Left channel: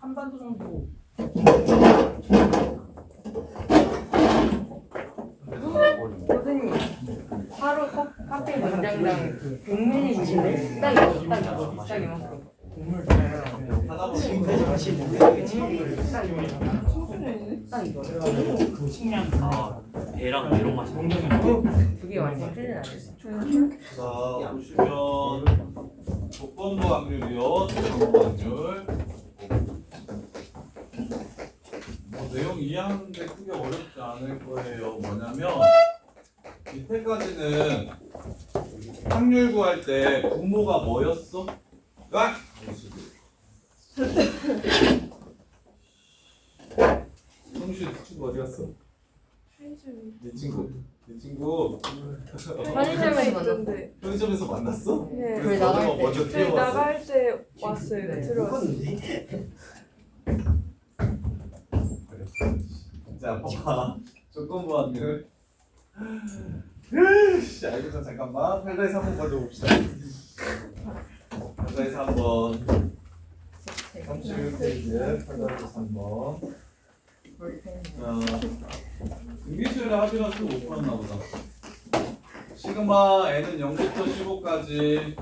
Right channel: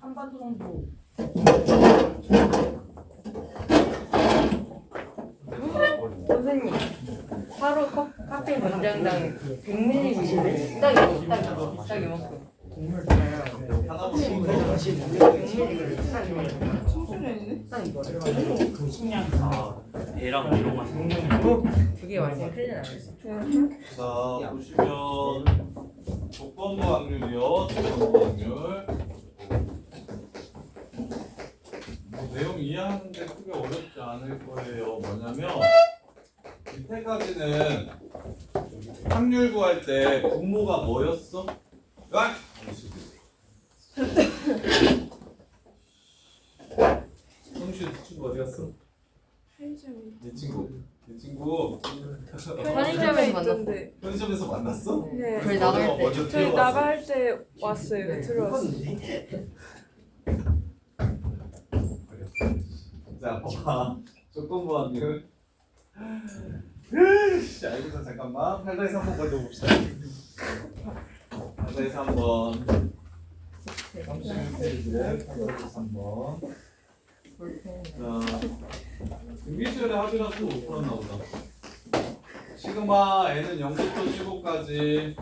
한반도 정도. 선생님, 하루 카페인 권장당 100ml인데 딱 이거, 딱 이만큼. 하나 보고 딱 이거. 아, 얘랑 이런 맛이 그게 완전 큰일 나네. 자 보시면 조건부 확률이요. 조건부 확률. 뭐 내용 이해하는데 크게 어렵지 않을 거예요. 뭐냐면 이때까지는 확률 구할 때 분모가 뭐였어? 와! 성실 친구 어디 갔어? 내 친구. 내 친구 편의점에서 만났어. 편의점에서 만났어? 네. 저희 그래서 나갈 너가 때. 먼저 저희 뛰어왔어. 나갈 때 왔어요. 네. 들어왔어요. 자, 봐봐. 조건부 확률. 알고자 잠깐만. 8다에서 한번 먼저 봅시다. 8다에서 한번. 31페이지 8다에서 한번. 자, 등비수열의 합이라서 못 풀었나 보다. 시그마 n은 0부터 15까지.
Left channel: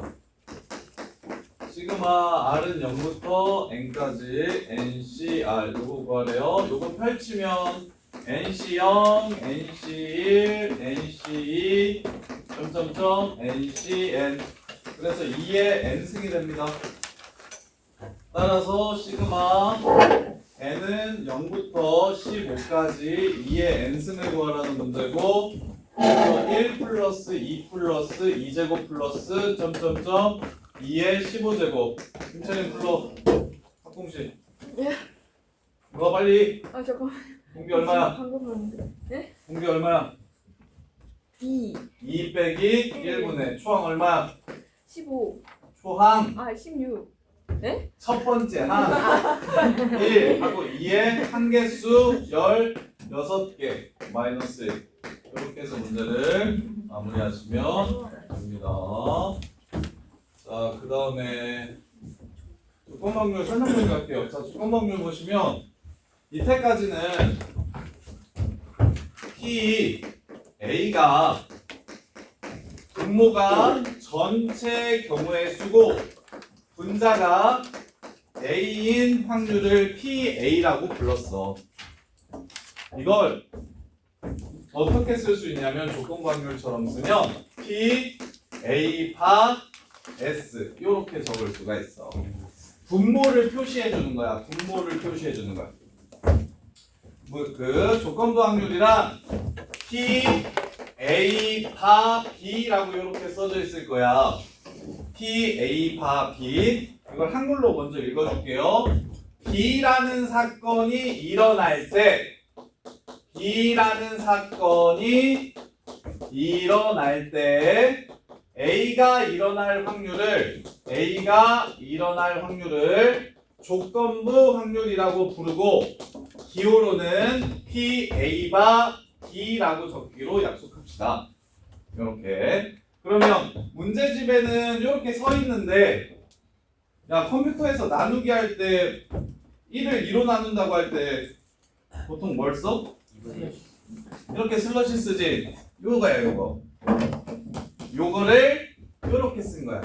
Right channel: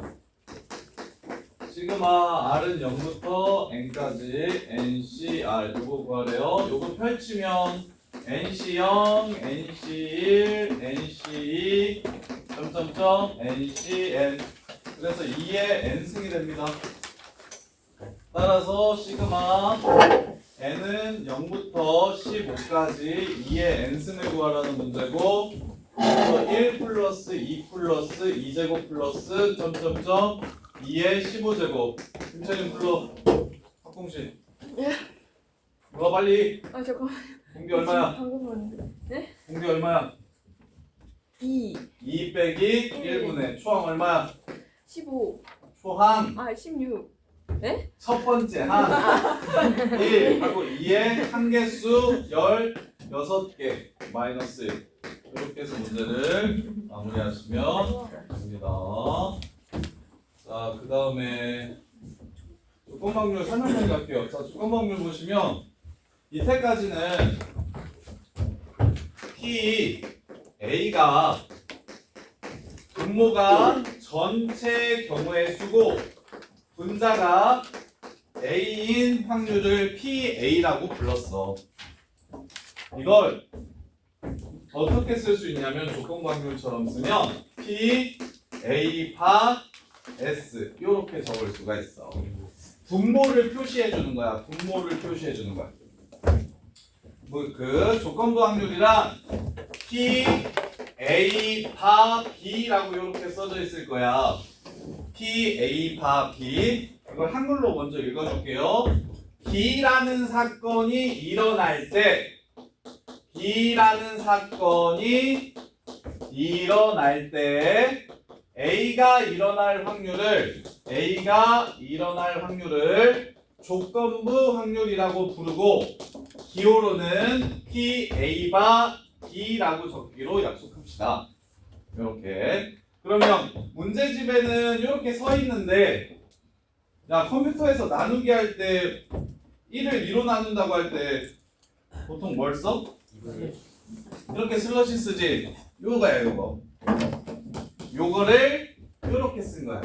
시그마 r은 0부터 n까지 ncr 요거 구하래요. 요거 펼치면 nc0, nc1, nc2, 점점점, ncn. 그래서 2의 n승이 됩니다. 따라서 시그마 n은 0부터 15까지 2의 n승을 구하라는 문제고, 그래서 1 플러스 2 플러스 2제곱 플러스 점점점 2의 15제곱. 김철인 불러. 학공식. 물어 빨리. 아 잠깐. 공비 얼마야? 방금 봤는데. 공비 얼마야? 2, 2 빼기 1분의 초항 얼마야? 15, 초항 아 16. 첫 번째 항 1 하고 2의 한개수 16개 마이너스 1. 이렇게 해서 문제를 마무리하시면 됩니다. 자, 그 다음에 조건 확률 설명문 갈게요. 자, 조건 확률 보시면 이때까지는 P A가 분모가 전체 경우의 수고 분자가 A인 확률을 PA라고 불렀어. 이걸 어떻게 쓸 수 있냐면 조건부 확률처럼 쓰면 P A 파 S 이렇게 적을 수가 있어. 분모를 표시해 주는 거야. 분모를 표시해 주는 거야. 뭐 그 조건부 확률이랑 P A 파 B라고 이렇게 써져 있을 거야. P A 파 B. 이걸 한글로 먼저 읽어줄게요. B라는 사건이 일어날 때 B라는 사건이 일어날 때 A가 일어날 확률을 조건부 확률이라고 부르고 기호로는 PA 바 B라고 적기로 약속합시다. 이렇게. 그러면 문제집에는 이렇게 서 있는데, 야 컴퓨터에서 나누기 할 때 1을 2로 나눈다고 할 때 보통 뭘 써? 이렇게 슬러시 쓰지. 요거야 요거. 요거를 요렇게 쓴 거야.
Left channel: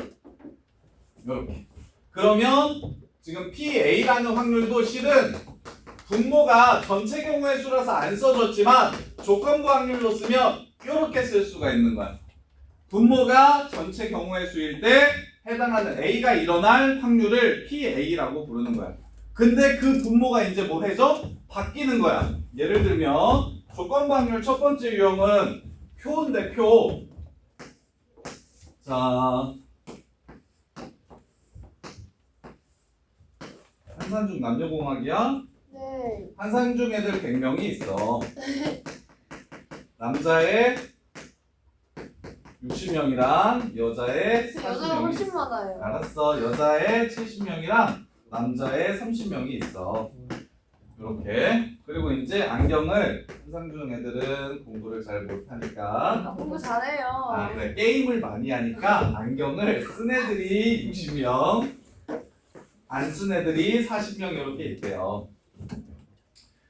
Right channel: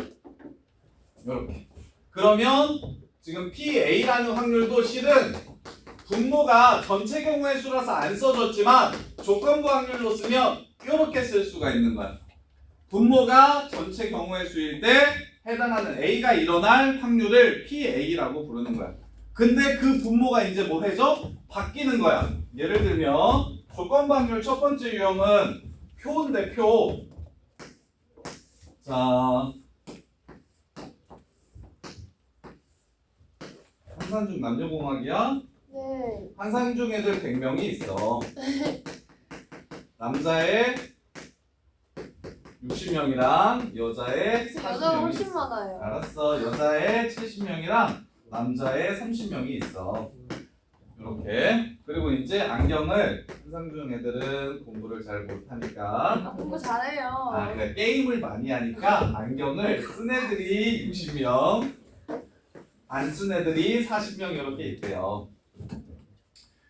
요렇게. 그러면 지금 PA라는 확률도 실은 분모가 전체 경우의 수라서 안 써졌지만 조건부 확률로 쓰면 요렇게 쓸 수가 있는 거야. 분모가 전체 경우의 수일 때 해당하는 A가 일어날 확률을 PA라고 부르는 거야. 근데 그 분모가 이제 뭐 해줘? 바뀌는 거야. 예를 들면 조건부 확률 첫 번째 유형은 표인데 표. 자, 한산중 남녀공학이야? 네. 한산중 애들 100명이 있어. 남자애 60명이랑 여자애 여자가 40명이 훨씬 있어. 많아요. 알았어. 여자애 70명이랑 남자애 30명이 있어. 이렇게. 그리고 이제 안경을 한상중 애들은 공부를 잘 못하니까 아, 공부 잘해요. 아, 그래. 게임을 많이 하니까 안경을 쓴 애들이 60명. 안 쓴 애들이 40명 이렇게 있대요.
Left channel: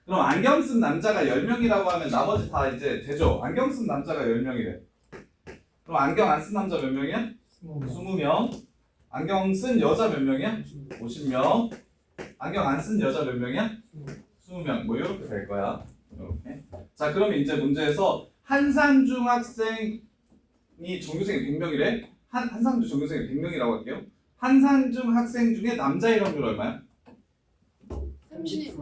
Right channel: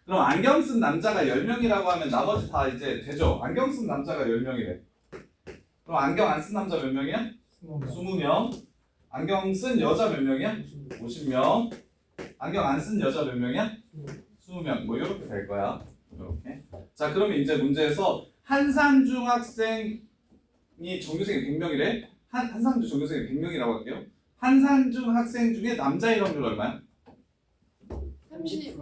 그럼 안경 쓴 남자가 10명이라고 하면 나머지 다 이제 되죠. 안경 쓴 남자가 10명이래. 그럼 안경 안 쓴 남자 몇 명이야? 20명. 안경 쓴 여자 몇 명이야? 50명. 안경 안 쓴 여자 몇 명이야? 20명. 뭐 이렇게 될 거야. 이렇게. 자, 그러면 이제 문제에서 한산중 학생이 전교생이 100명이래. 한산중 전교생이 100명이라고 할게요. 한산중 학생 중에 남자의 확률 얼마야? 30.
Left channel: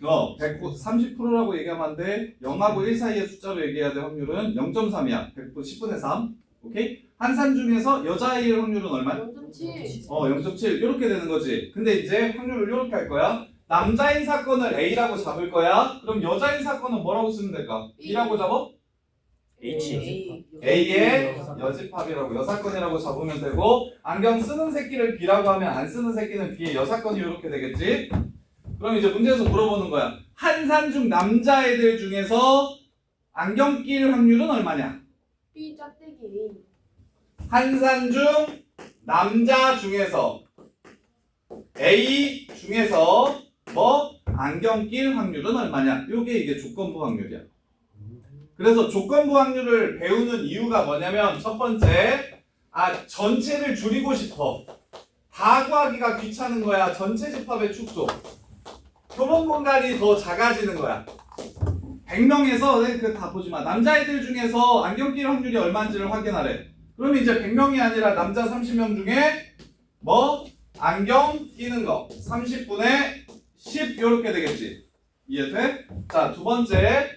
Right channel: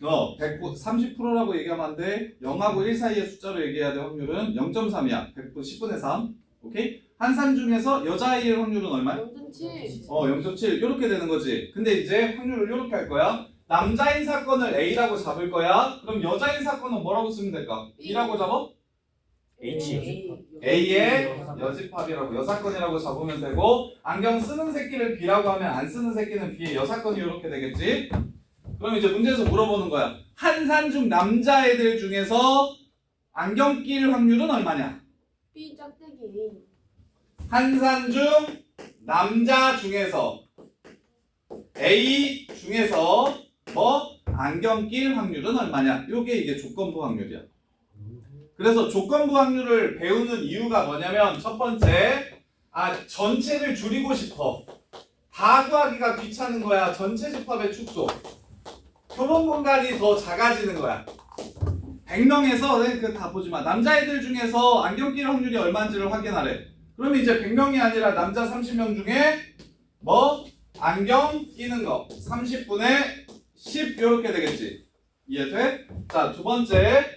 30%라고 얘기하면 안 돼. 0하고 1 사이의 숫자로 얘기해야 돼. 확률은 0.3이야. 10분의 3. 오케이? 한산 중에서 여자아이의 확률은 얼마야? 0.7. 0.7 이렇게 되는 거지. 근데 이제 확률을 이렇게 할 거야. 남자인 사건을 A라고 잡을 거야. 그럼 여자인 사건은 뭐라고 쓰면 될까? B라고 잡아? H. A의 여집합이라고 여사건이라고 잡으면 되고 안경 쓰는 새끼를 B라고 하면 안 쓰는 새끼는 B의 여사건이 이렇게 되겠지. 그럼 이제 문제에서 물어보는 거야. 한산 중 남자애들 중에서 안경 낄 확률은 얼마냐? B 짝대기 A. 한산 중 남자 중에서 A 중에서 뭐 안경 낄 확률은 얼마냐? 요게 이게 조건부 확률이야. 그래서 조건부 확률을 배우는 이유가 뭐냐면 첫 번째, 전체를 줄이고 싶어. 다 구하기가 귀찮은 거야. 전체 집합의 축소. 표본 공간이 더 작아지는 거야. 100명에서 그 다 보지 마. 남자애들 중에서 안경 낄 확률이 얼마인지를 확인하래. 그러면 이제 100명이 아니라 남자 30명 중에 뭐 안경 끼는 거 30분의 10 이렇게 되겠지. 이해돼? 자, 두 번째.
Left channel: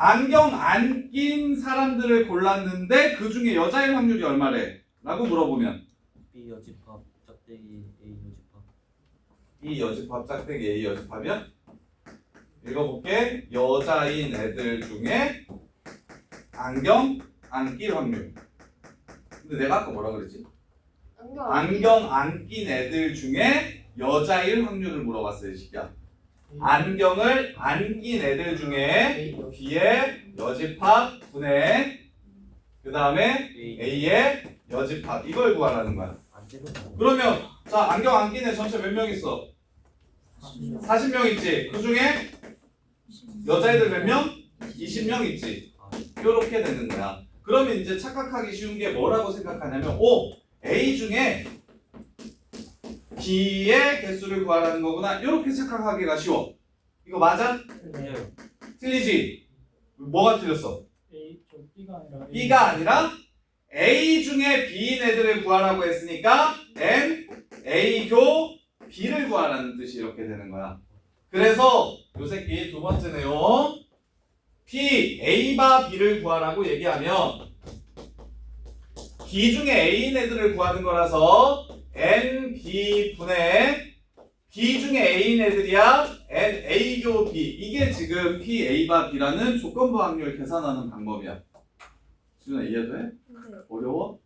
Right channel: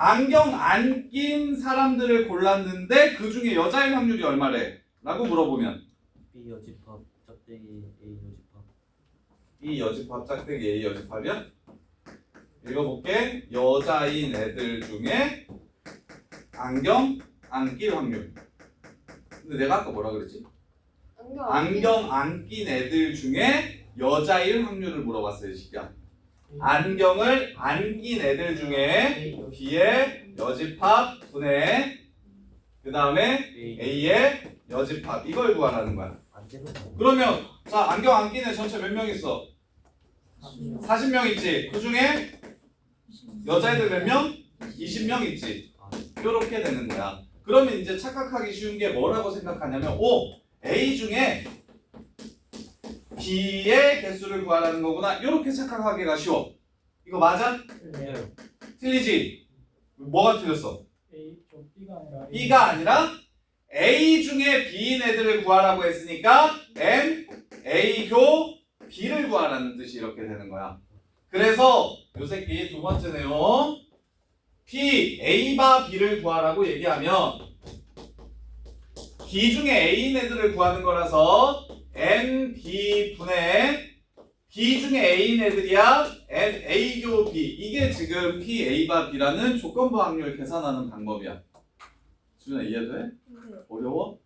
안경 안 낀 사람들을 골랐는데 그 중에 여자의 확률이 얼마래? 라고 물어보면 B 여집합 짝대기 A 여집합. 이 여집합 짝대기 A 여집합이야? 읽어볼게. 여자인 애들 중에 안경 안 낄 확률. 근데 내가 아까 뭐라 그랬지? 안경 안 낀 애들 중에 여자일 확률을 물어봤어요. 시기야. 안경을 안 낀 애들 중에 B의 여집합 분의 그 다음에 A의 여집합 이걸 구하라는 거야. 안 되는 거. 그러면 자 안경 안 낀 애 전체 몇 명 있어? 40명 있지. 그 중에 여자애들 몇 명? 20명 있지. 이렇게 되는 거야. 그러면 이제 착각하기 쉬운 게 뭐라고 생각하냐면 A 중에 B의 개수를 구하라는 거구나. 이렇게 착각하기가 쉬워. 이거 맞아? 네. 틀리지? 뭐가 틀렸어? B가 아니라 A 중에 B인 애들을 구하라고 했으니까 N, A 교 B를 구하라는 뜻이 이렇게 되는 거야. 그래서 요 새끼 두 번째 내용 P, A바 B를 구하라고 얘기하면 B 중에 A인 애들을 구하는 거라서 N, B 분의 B 중에 A인 애들이야 N, A 교 B 이게 지금 P, A바 B라는 조건부 확률 계산하는 방법이야. 수준아 이해돼? 네. 어려워?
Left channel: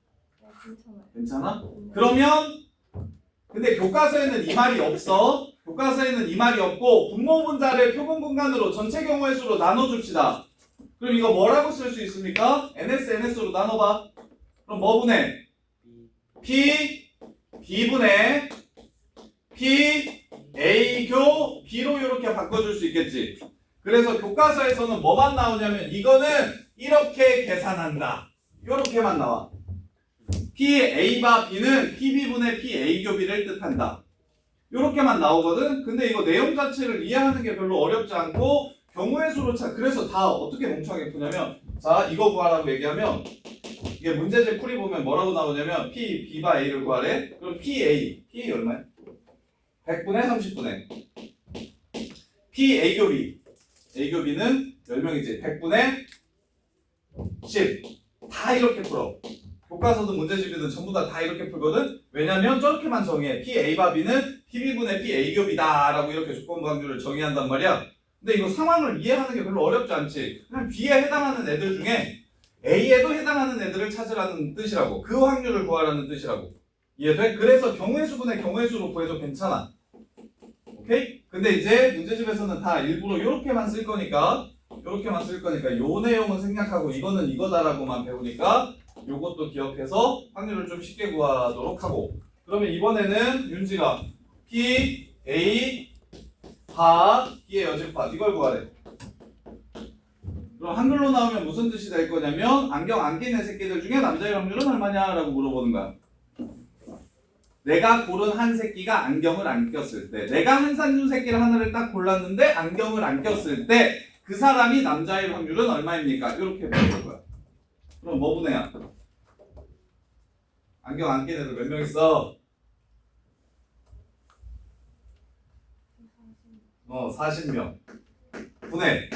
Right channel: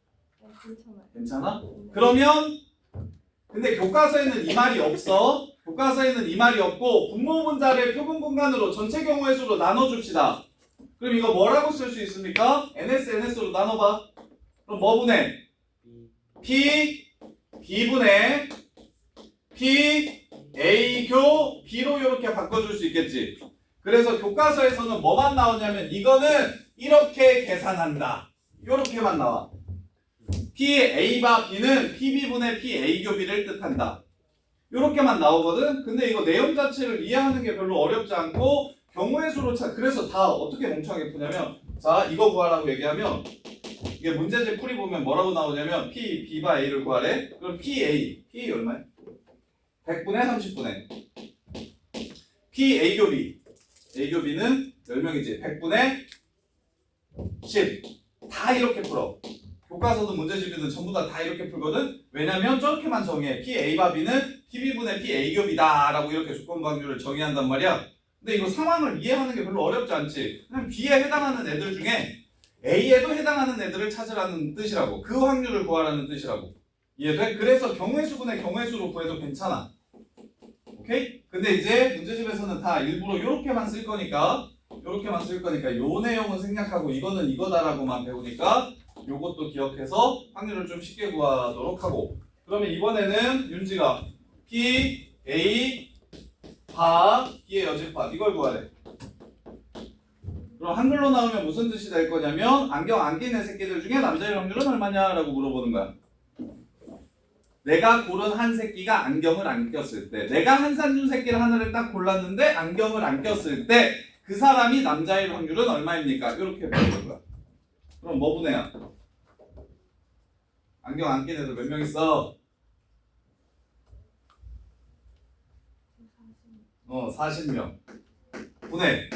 괜찮아요. 괜찮아? 그러면 근데 교과서에는 이 말이 없어. 교과서에는 이 말이 없고 분모 분자를 표본 공간으로 전체 경우의 수로 나눠줍시다. 그럼 이거 뭐라고 쓸 수 있습니까? NS, NS로 나눠봐. 그럼 뭐 분해? P, B분의 P, A 교 B로 이렇게 바꿔줄 수 있겠지. 그래서 교과서에서는 뭐만 나오냐면 이거는 이렇게 계산한다. 이렇게만 나와. P, A바 B는 PB분의 P, A 교 B를 뜻한다. 이렇게만 나오거든. 근데 이거 내용 자체를 이해하는 게 별로 어렵지 않고 경우의 수로 그래서 다 어떻게 멍청하게 푸냐면 자 이거 구하라고 얘기하면 이게 문제집 풀이 보면 뭐라고 나오냐면 P, B바 A를 구하래. 그럼 P, A 얼마야? 100분의 30분의 P, A 교 B A 교 B는 10명이지. 100분의 10 다 이렇게 풀어. 교과서도 문제집이든 전부 다 이렇게 풀거든. 왜냐면 저렇게만 정해. P, A바 B는 PB분의 P, A 교 B다 라고 이렇게 조건부 확률을 정의한단 말이야. 근데 이거 상황을 이해하는 게 별로 어렵지 않지. 그냥 B에 해당하는 애들 중에 A에도 해당하는 애들을 찾으라는 뜻이라고. 그 확률을 구하라는 뜻이라고. 이해돼? 그래서 경우의 수분의 경우의 수로 구해도 괜찮아. 오케이? 근데 이제 문제집에서는 다 일부러 이렇게만 쓸 거니까 요 내용은 생략하고 이거는 이거다라고만 배우니까 요것도 기억해서 확률을 좀 쉽게 구하도록 하고. 그러면 이번에는 윤지가 P, A, 바, B의 여집합 이걸 구하래. 그럼 한글로 나오면 무슨 뜻이 될 거냐면 안경 안 낀 애 새끼들 중에 남자의 확률은 얼마냐라고 물어보는 거야. 내가 고른 한 새끼가 안경을 안 꼈을 때, 내가 한산준 새끼를 하나를 딱 골랐는데 안경을 안 꼈을 때 그 사람이 남자일 확률은 얼마입니까? 이렇게 물어볼 거야. 그럼 뭐 분해야? 안경 안 낀 애들 몇 명 있어? 40명. 분해.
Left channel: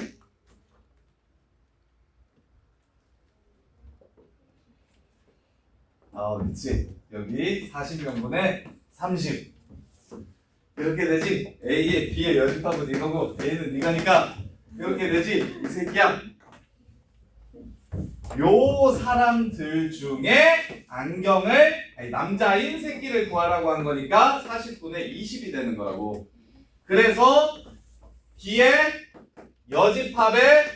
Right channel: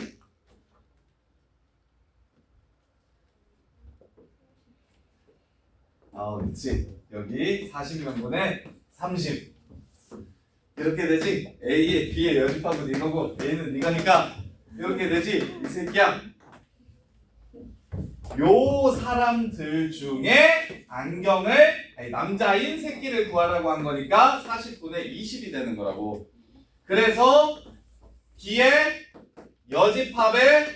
그치. 여기 40명분의 30. 이렇게 되지. A에 B의 여집합은 이거고 A는 이거니까 이렇게 되지. 이 새끼야. 요 사람들 중에 남자인 새끼를 구하라고 한 거니까 40분의 20이 되는 거라고. 그래서 D의 여집합의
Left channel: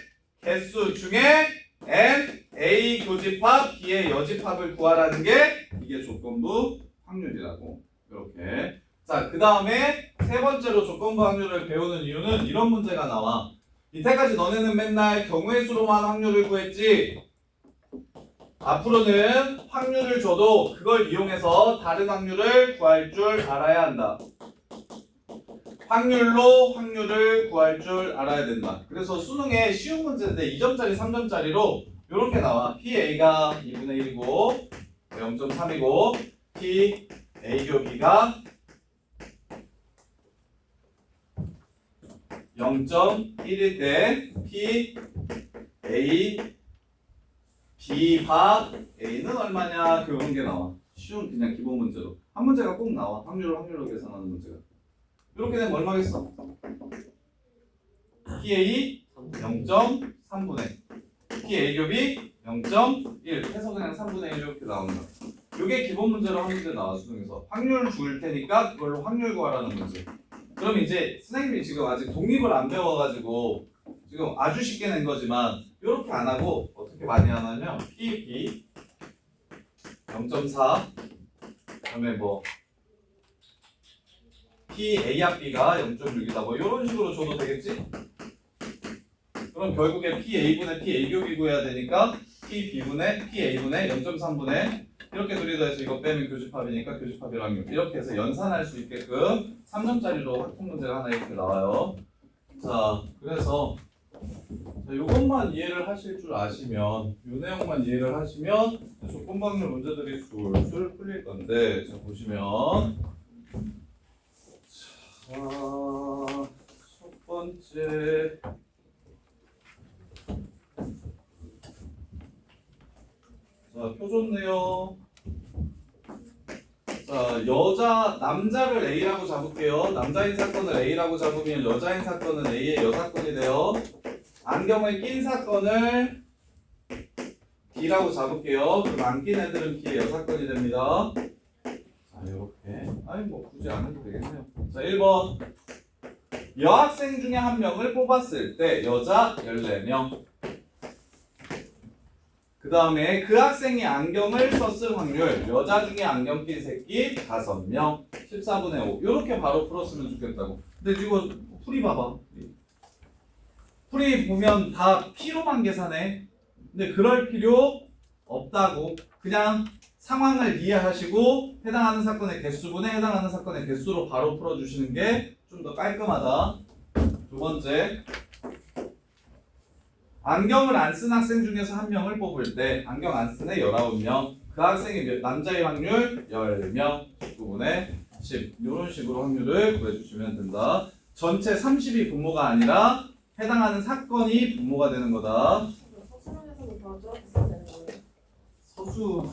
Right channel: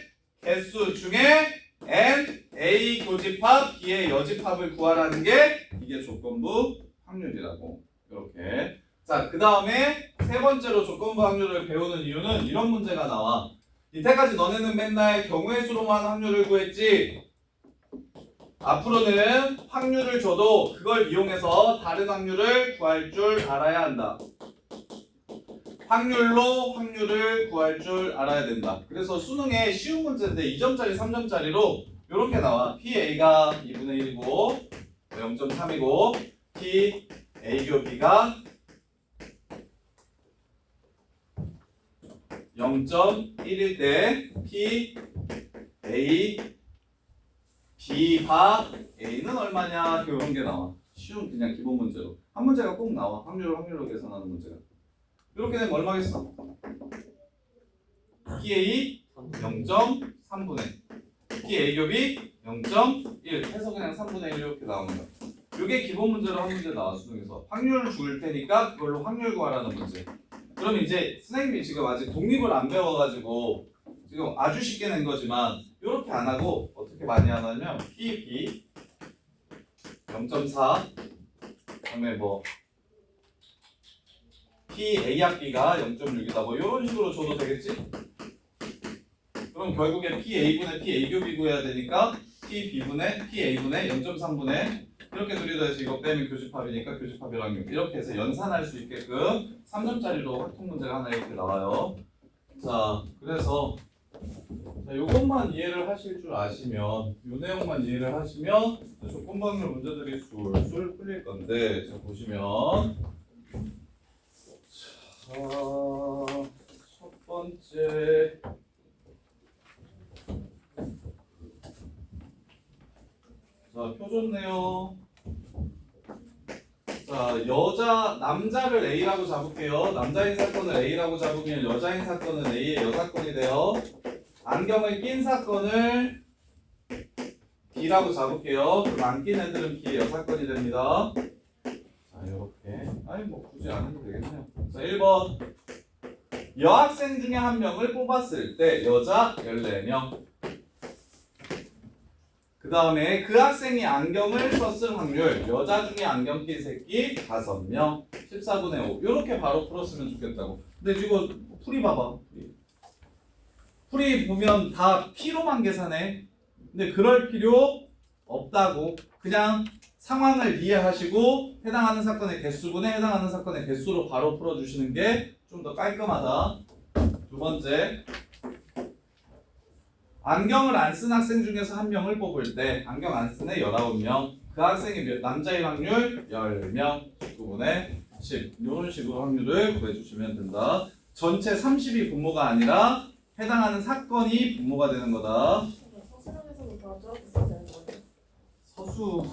개수 중에 N, A 교집합, B의 여집합을 구하라는 게 이게 조건부 확률이라고. 이렇게. 자, 그 다음에 세 번째로 조건부 확률을 배우는 이유는 이런 문제가 나와. 이때까지 너네는 맨날 경우의 수로만 확률을 구했지. 앞으로는 확률을 줘도 그걸 이용해서 다른 확률을 구할 줄 알아야 한다. 확률로 확률을 구할 줄 알아야 된다. 그래서 수능에 쉬운 문제인데 2점짜리, 3점짜리로 이렇게 나와. PA가 2분의 1이고 0.3이고 P, A교 B가 0.1일 때 P, A, B 바 A는 얼마냐 그런 게 나와. 쉬운 그냥 기본 문제로. 한 문제가 꼭 나와. 확률로 계산하는 문제가. 이렇게 되면 얼마겠어? PA 0.3분의 PA 겹이 0.1 해서 그냥 3분의 1 이렇게 나오는 거야. 이게 기본 문제로 한 문제 나와 수능에서. 확률 줄 테니까 그걸로 확률 구하라는 문제. 그럼 이제 선생님이 지금 아직 독립을 안 배워가지고 지금 아주 쉽게 낸 거지만 이렇게 안 하고 어떻게 많이 하냐면 PB 0.4 그다음에 뭐 PA 합비가 0.6이다 뭐 이런 식으로 줘도 되겠지? 그럼 결국에 PA분의 PA교비 구해야 되니까 PB분의 PA분의 0.3분의 이렇게 둘이 해서 이거 빼면 교집합이니까 교집합이랑 이렇게 해서 연산할 수 있게끔 3점짜리로 확통 문제가 하나 이렇게 나와요. 자, 그래서 이것만 이해를 하실 줄 아시면 이 내용만 이해를 하시면 조건부 확률 문제들이 술술 풀릴 건데 자 보시면 자, 첫 번째 자, 표 좋네요. 자, 남자를 A라고 잡을게요. 남자인 사건을 A라고 잡으면 여자인 사건은 A의 여사건이 돼요. 안경을 낀 사건을 B라고 잡을게요. 그럼 안 낀 애들은 B의 여사건이 됩니다. 자, 이렇게. 아니, 뭐, 굳이 안 해도 되겠네요. 자, 1번. 여학생 중에 한 명을 뽑았을 때 여자 14명. 그 다음에 그 학생이 안경을 썼을 확률 여자 중에 안경 낀 새끼 5명 14분의 5 이렇게 바로 풀었으면 좋겠다고. 근데 이거 풀이 봐봐. 풀이 보면 다 P로만 계산해. 근데 그럴 필요 없다고. 그냥 상황을 이해하시고 해당하는 사건의 개수분에 해당하는 사건의 개수로 바로 풀어주시는 게 좀 더 깔끔하다. 두 번째, 안경을 안 쓴 학생 중에서 한 명을 뽑을 때 안경 안 쓴 애 19명, 그 학생이 남자의 확률 10명, 19분의 10 이런 식으로 확률을 구해주시면 된다. 전체 30이 분모가 아니라 해당하는 사건이 분모가 되는 거다. 서술형에서도 더 써야 되는 거예요. 서수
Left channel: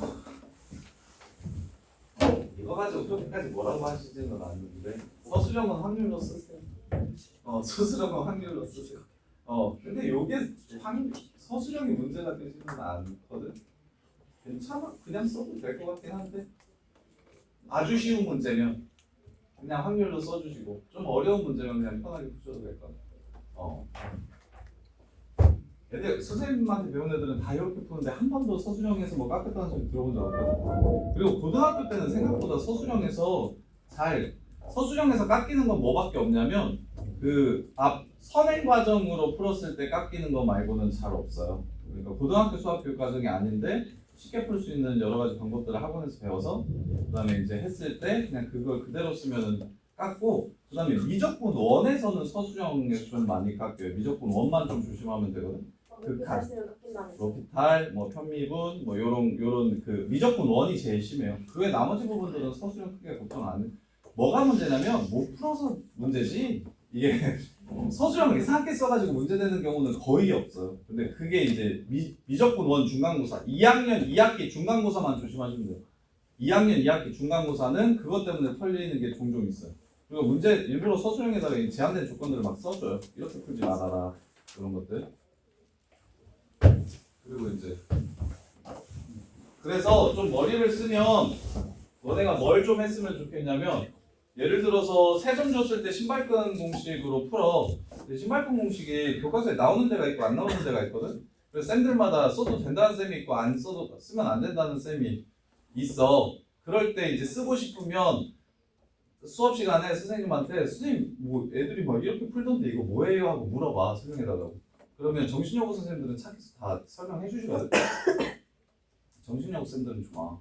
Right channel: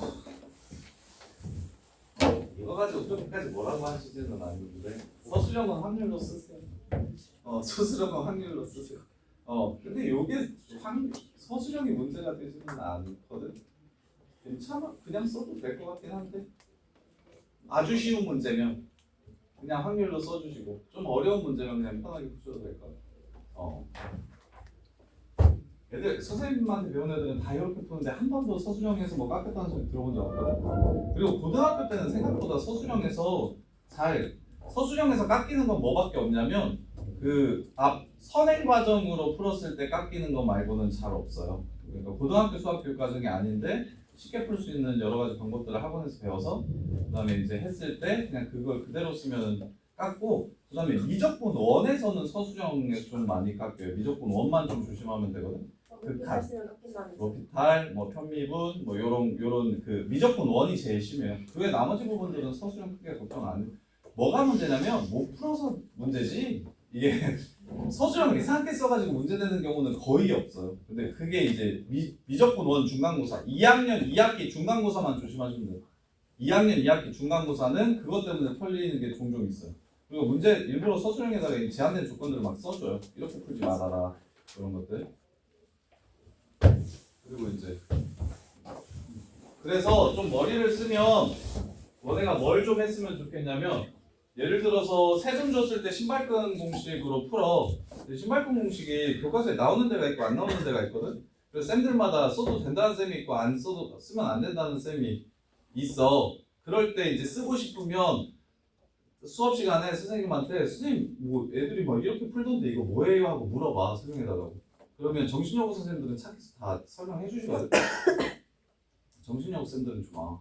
이거 가지고 그렇게까지 뭐라고 하시지는 않는데 서술형은 확률로 쓰세요. 서술형은 확률로 쓰세요. 근데 요게 서술형이 문제가 되지는 않거든. 괜찮아. 그냥 써도 될 것 같긴 한데 아주 쉬운 문제면 그냥 확률로 써주시고 좀 어려운 문제면 그냥 편하게 푸셔도 될 것 같아. 애들 선생님한테 배운 애들은 다 이렇게 푸는데 한 번도 서술형에서 뭐 깎였다는 소리 들어본 적 없거든. 그리고 고등학교 때는 생각보다 서술형에서 잘 서술형에서 깎이는 건 뭐밖에 없냐면 그 앞 선행 과정으로 풀었을 때 깎이는 거 말고는 잘 없어요. 그러니까 고등학교 수학 교육 과정이 아닌데 쉽게 풀 수 있는 여러 가지 방법들을 학원에서 배워서 그다음에 이제 했을 때 그냥 그걸 그대로 쓰면은 깎고 그다음에 미적분 원에서는 서술형에서 좀 많이 깎여요. 미적분 원만 좀 조심하면 되거든. 그 잘 쓰면 깎인다는 거. 로피탈, 뭐 편미분, 뭐 요런 그 미적분 원이 제일 심해요. 그 외 나머지 부분들은 서술형 크게 걱정 안 해. 뭐가 문제냐면 못 풀어서 문제지. 이게 서술형을 이상하게 써가지고 문제되는 경우는 거의 없어요. 근데 그게 이제 미적분 원 중간고사 2학년 2학기 중간고사만 조심하시면 돼요. 2학년 2학기 중간고사는 그것 때문에 털리는 게 종종 있어요. 그리고 문제 일부러 서술형에다가 이 제한된 조건들을 막 써줘요. 이렇게 풀지 말아라 그런 것들. 그리고 이제 그래서 좀 머리를 쓰면 너네가 뭘 좀 했으면 좋겠냐면 예를 들어서 세 점 줬을 때 신발끈 공식으로 풀어. 근데 신발끈 공식이 교과서에 나오는 데가 있고 안 나오는 데가 있거든. 그래서 쌤들마다 써도 된다는 쌤이 있고 안 써도 쓰면 안 된다는 쌤이 있어. 그럴 때 이제 쓰고 싶으면 수업 시간에 선생님한테 선생님 뭐 애들이 막 이렇게 풀던데 이거 뭐예요 하고 물어봐 설명해달라고. 그러면 정신여고 선생님들은 착해서 다 설명해 주시거든. 정신여고 쌤들은 좋아.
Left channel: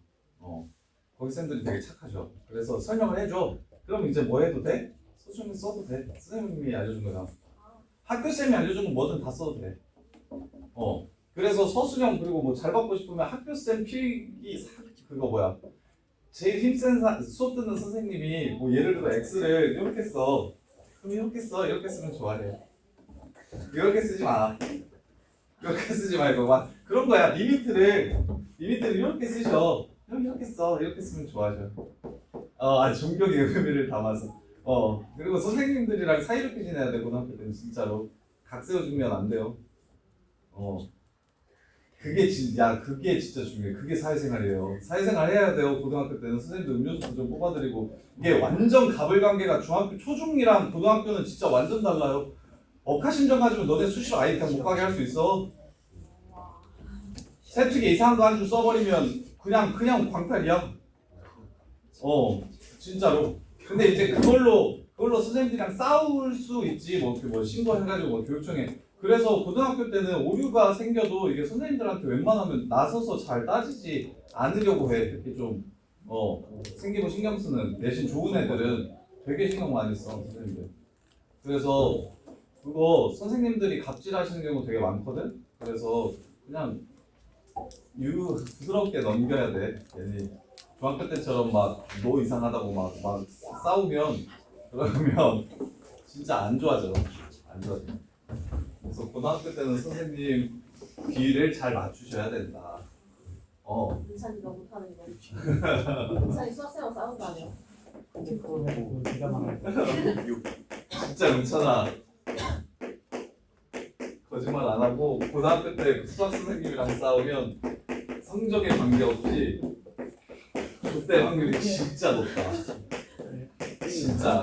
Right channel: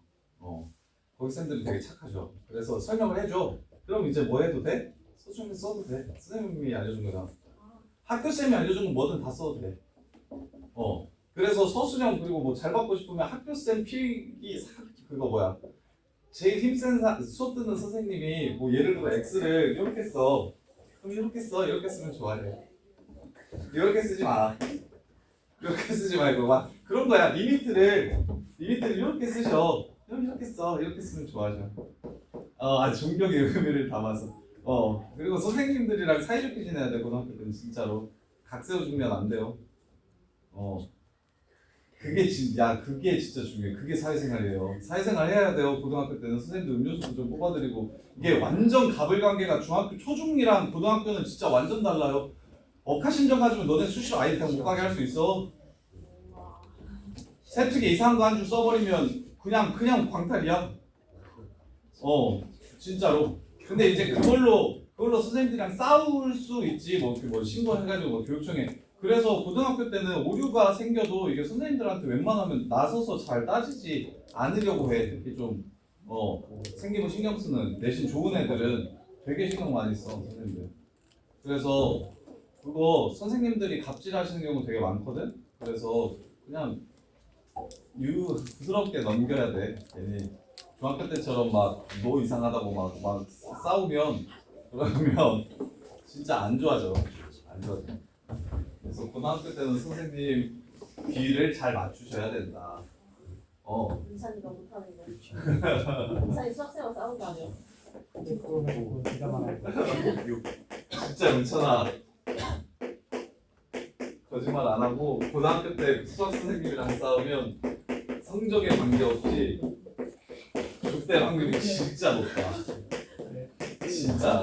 거기 쌤들이 되게 착하죠. 그래서 설명을 해줘. 그럼 이제 뭐 해도 돼? 서술형 써도 돼. 선생님이 알려준 거잖아. 학교 쌤이 알려준 건 뭐든 다 써도 돼. 그래서 서술형 그리고 뭐 잘 받고 싶으면 학교 쌤 필기 그거 뭐야? 제일 힘센 수업 듣는 선생님이 뭐 예를 들어 X를 이렇게 써. 그럼 이렇게 써. 이렇게 쓰면 좋아해. 이렇게 쓰지 마. 이렇게 쓰지 말고 막 그런 거야. 리미트를 이렇게 쓰셔. 이렇게 써. 이렇게 쓰면 좋아져. 존경의 의미를 담아서. 그리고 선생님들이랑 사이좋게 지내야 돼. 고등학교 때는 진짜로 각 세워주면 안 돼요. 그게 진짜 중요해. 그게 사회생활이에요. 사회생활 해야 돼요. 고등학교 때는 선생님들 음료수도 좀 뽑아드리고 이게 완전 가불관계가 중학교 초중이랑 고등학교는 진짜 완전 달라요. 억하심정 가지고 너네 수시로 아예 그냥 못 가게 할 수 있어. 세특에 이상한 거 한 줄 써버리면 그냥 광탈이야. 진짜로. 근데 이제 그걸로 선생님들이랑 싸울 수 있지. 뭐 신고해가지고 뭐 교육청에. 그래서 고등학교 때는 오류가 생겨도 이게 선생님들한테 웬만하면 나서서 잘 따지지 않으려고 해. 특히 좀 생기고 신경 쓰는 내신 좋은 애들은 되게 신경 많이 써 선생님들. 그래서 그거 선생님들이 갑질하시는 경우 되게 많거든. 그래서 그냥 부드럽게 넘겨야 돼. 괜히 중학교 때처럼 막 너 이상하다고 막 싸우면 그러면 진짜 안 좋아져. 그래서 고등학교 때는 선생님 비를 잘 맞추셔야 된다. 민찬이가 못하는 거. 민찬이 수학생하고 싸운 거 아니야? 진짜 은천아 거짓말 안 하고 고등학교 때 수학 선생님이랑 싸우면 성적에 관계없이 족될 확률이 진짜 높다.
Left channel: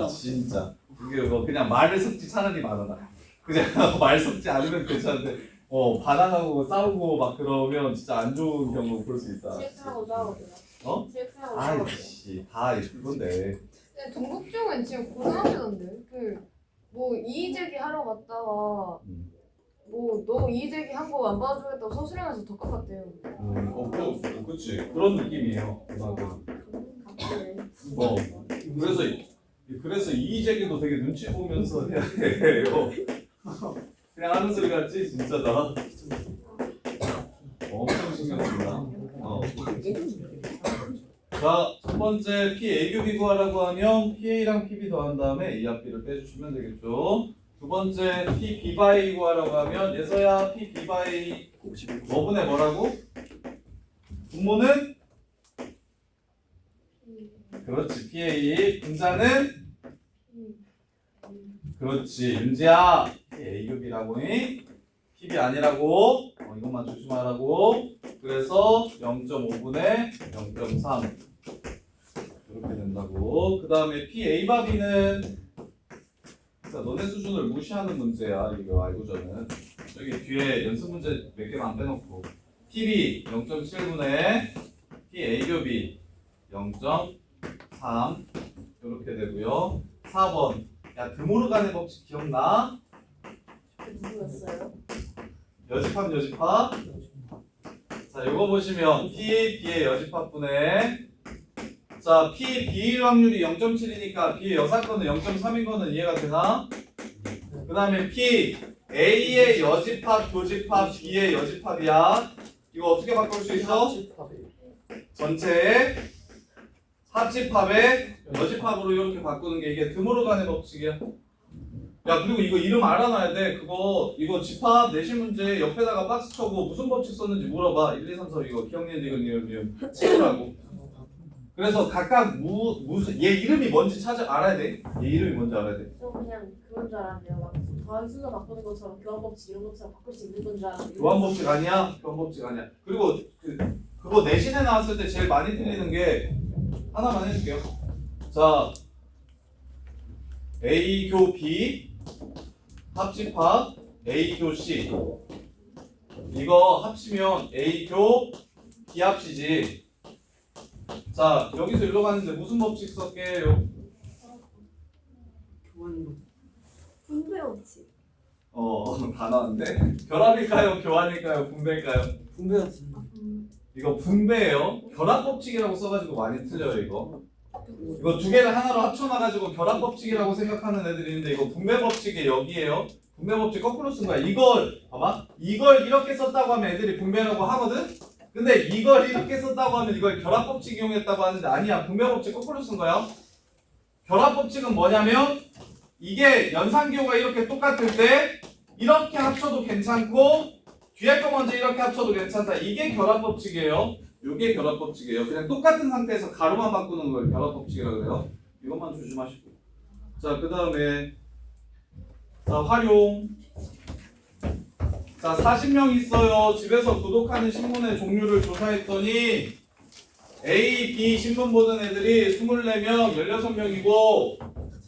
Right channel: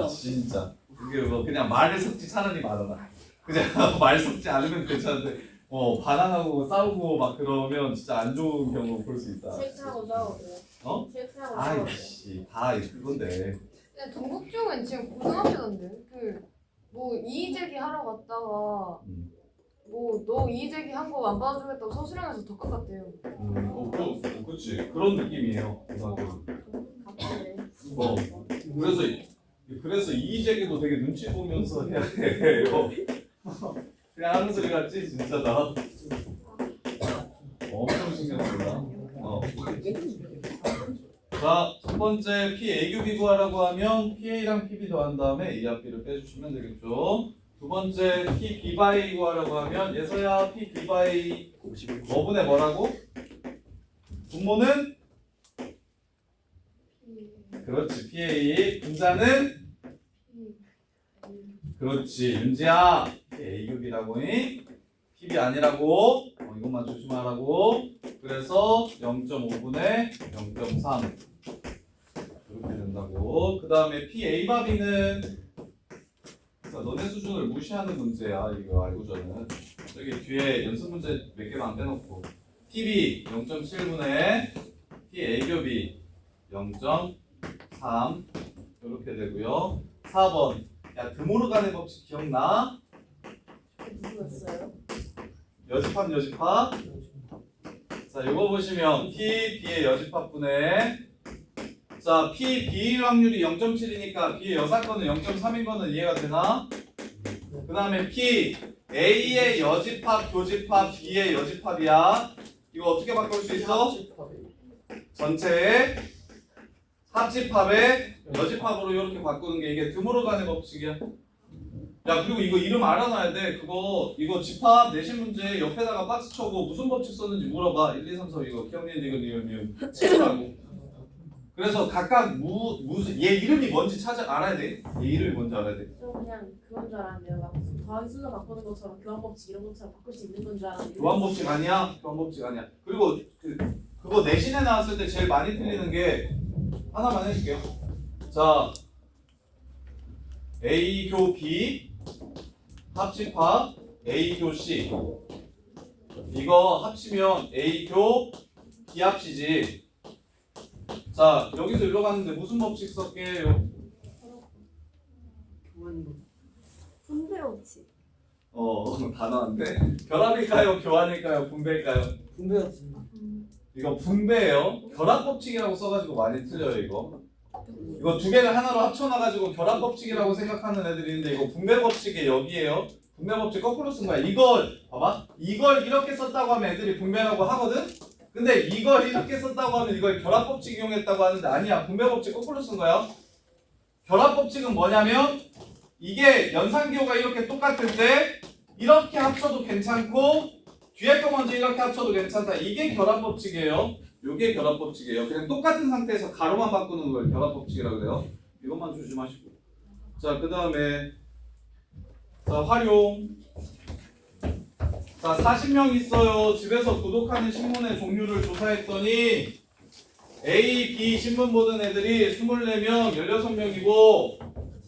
진짜. 그게 뭐 그냥 말을 섞지 차라리 말아라. 그냥 말 섞지 않으면 괜찮은데 반항하고 싸우고 막 그러면 진짜 안 좋은 경우 볼 수 있다. 체육생하고 싸우거든요. 체육생하고 싸우거든요. 아이씨 다 그건데. 근데 동국중은 지금 고등학교던데 뭐 이의제기 하러 갔다가 뭐 너 이의제기 한 거 안 받아주겠다고 서술형에서 더 깎았대요. 그렇지 그런 느낌이에요. 고등학교. 그래서 이의제기도 되게 눈치 보면서 해야 돼요. 그냥 하는 소리 같지 진짜 나. 엄청 신경 쓴다. 자, 첫 번째 PAQB 구하라고 하면 PA랑 PB 더한 다음에 A 합비를 빼주시면 되겠죠. 두 번째 PB 바이 구하라고 하면 예서야 PB 바이 뭐분의 뭐라고? 분모는? 그렇지 PA. 분자는? 그렇지 윤지야 PAQB라고 해. PB 아니라고. 이것만 조심하라고. 그래서 0.5분의 0.3 이렇게 된다고. 그 다음에 PA바비는 너네 수준을 무시하는 문제야. 이거 알고저는 여기 뒤에 연습 문제 몇 개만 안 빼놓고 PB 0.7분의 PAQB 0.3 이렇게 이렇게 되고요. 4번. 야, 드모르간의 법칙 기억나? 누구였어요? 여집합. 자, 이거 보시면 P, B의 여집합분의 자, P, B일 확률이 0.7이니까 B의 여사건은 0.3인 거는 이해가 되나? 그 다음에 P, A의 여집합, 교집합, B의 여집합이야. 이거 어떻게 바꿀 수 있어? 전체의 합집합의 여집합으로 이렇게 바꾸는 게 이게 드모르간의 법칙이야. 야, 그리고 이거 이름 알아놔야 돼. 이거 집합 내신 문제 옆에다가 박스 쳐고 무슨 법칙 썼는지 물어봐. 1, 2, 3, 4 이거 기억니은 이거 니은 치우라고. 그래서 각각 무슨 얘 이름이 뭔지 알아야 돼. 얘 이름이 뭔지 알아야 돼. 저 그냥 그건 줄 알았는데요. 막 더하기 순서 바꾸는 것처럼 교환법칙 이런 것처럼 바꿀 수 있는 건 줄 알았는데. 교환법칙 아니야? 교환법칙 아니야. 그리고 그거 내신에 나왔을 때 제일 많이 틀리는 게 하나만 해줄게요. 자, A 교 B 합집합 A 교 C 이거 합치면 A 교 B 합치지. 자, 여기서 일로 갔는데 무슨 법칙 썼게요? 분배법칙. 다 나왔는데 결합일까요? 교환일까요? 분배일까요? 분배였습니다. 이거 분배예요. 결합법칙이라고 써가지고 많이 틀려요 이거. 이거 두 개를 하나로 합쳐놔가지고 결합법칙이라고 생각하는 애들이 있는데 이거 분배법칙이 여기에요. 분배법칙 거꾸로 쓴 거야. 이걸 봐봐. 이걸 이렇게 썼다고 하면 애들이 분배라고 하거든. 근데 이걸 이렇게 썼다고 하면 이걸 결합법칙 이용했다고 하는데 아니야. 분배법칙 거꾸로 쓴 거야. 결합법칙은 뭐냐면 이게 연산기호가 이렇게 똑같을 때 이렇게 합쳐도 괜찮고 뒤에 거 먼저 이렇게 합쳐도 괜찮다. 이게 결합법칙이에요. 이게 결합법칙이에요. 그냥 똑같은 상태에서 가로만 바꾸는 걸 결합법칙이라고 해요. 이것만 조심하시고. 자, 그 다음에 자, 활용. 자, 40명 있어요. 집에서 구독하는 신문의 종류를 조사했더니 A, B 신문 보는 애들이 24명, 16명이고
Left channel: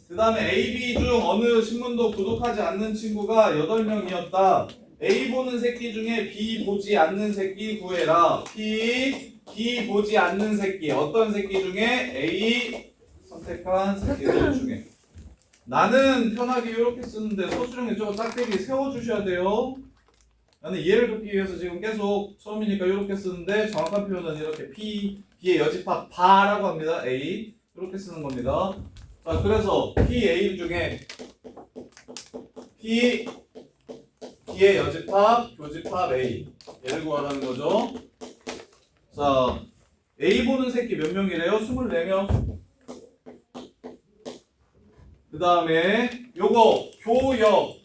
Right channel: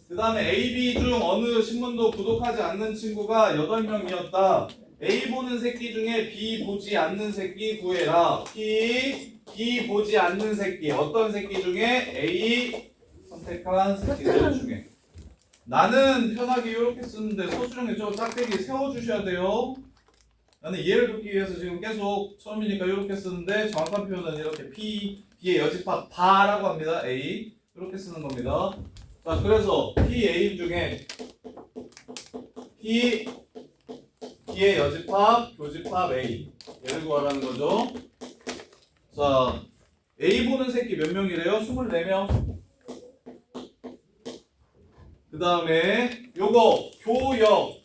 그 다음에 A, B 중 어느 신문도 구독하지 않는 친구가 8명이었다. A 보는 새끼 중에 B 보지 않는 새끼 구해라. B 보지 않는 새끼. 어떤 새끼 중에 A 선택한 새끼들 중에. 나는 편하게 이렇게 쓰는데 서술형에 저거 짝대기 세워주셔야 돼요. 나는 이해를 돕기 위해서 지금 계속 처음이니까 이렇게 쓰는데 정확한 표현은 이렇게 B의 여집합 바라고 합니다. A 이렇게 쓰는 겁니다. 자, 그래서 A 중에 B의 여집합, 교집합 A 얘를 구하라는 거죠. 자, A 보는 새끼 몇 명이래요? 24명. 그 다음에 요거 교역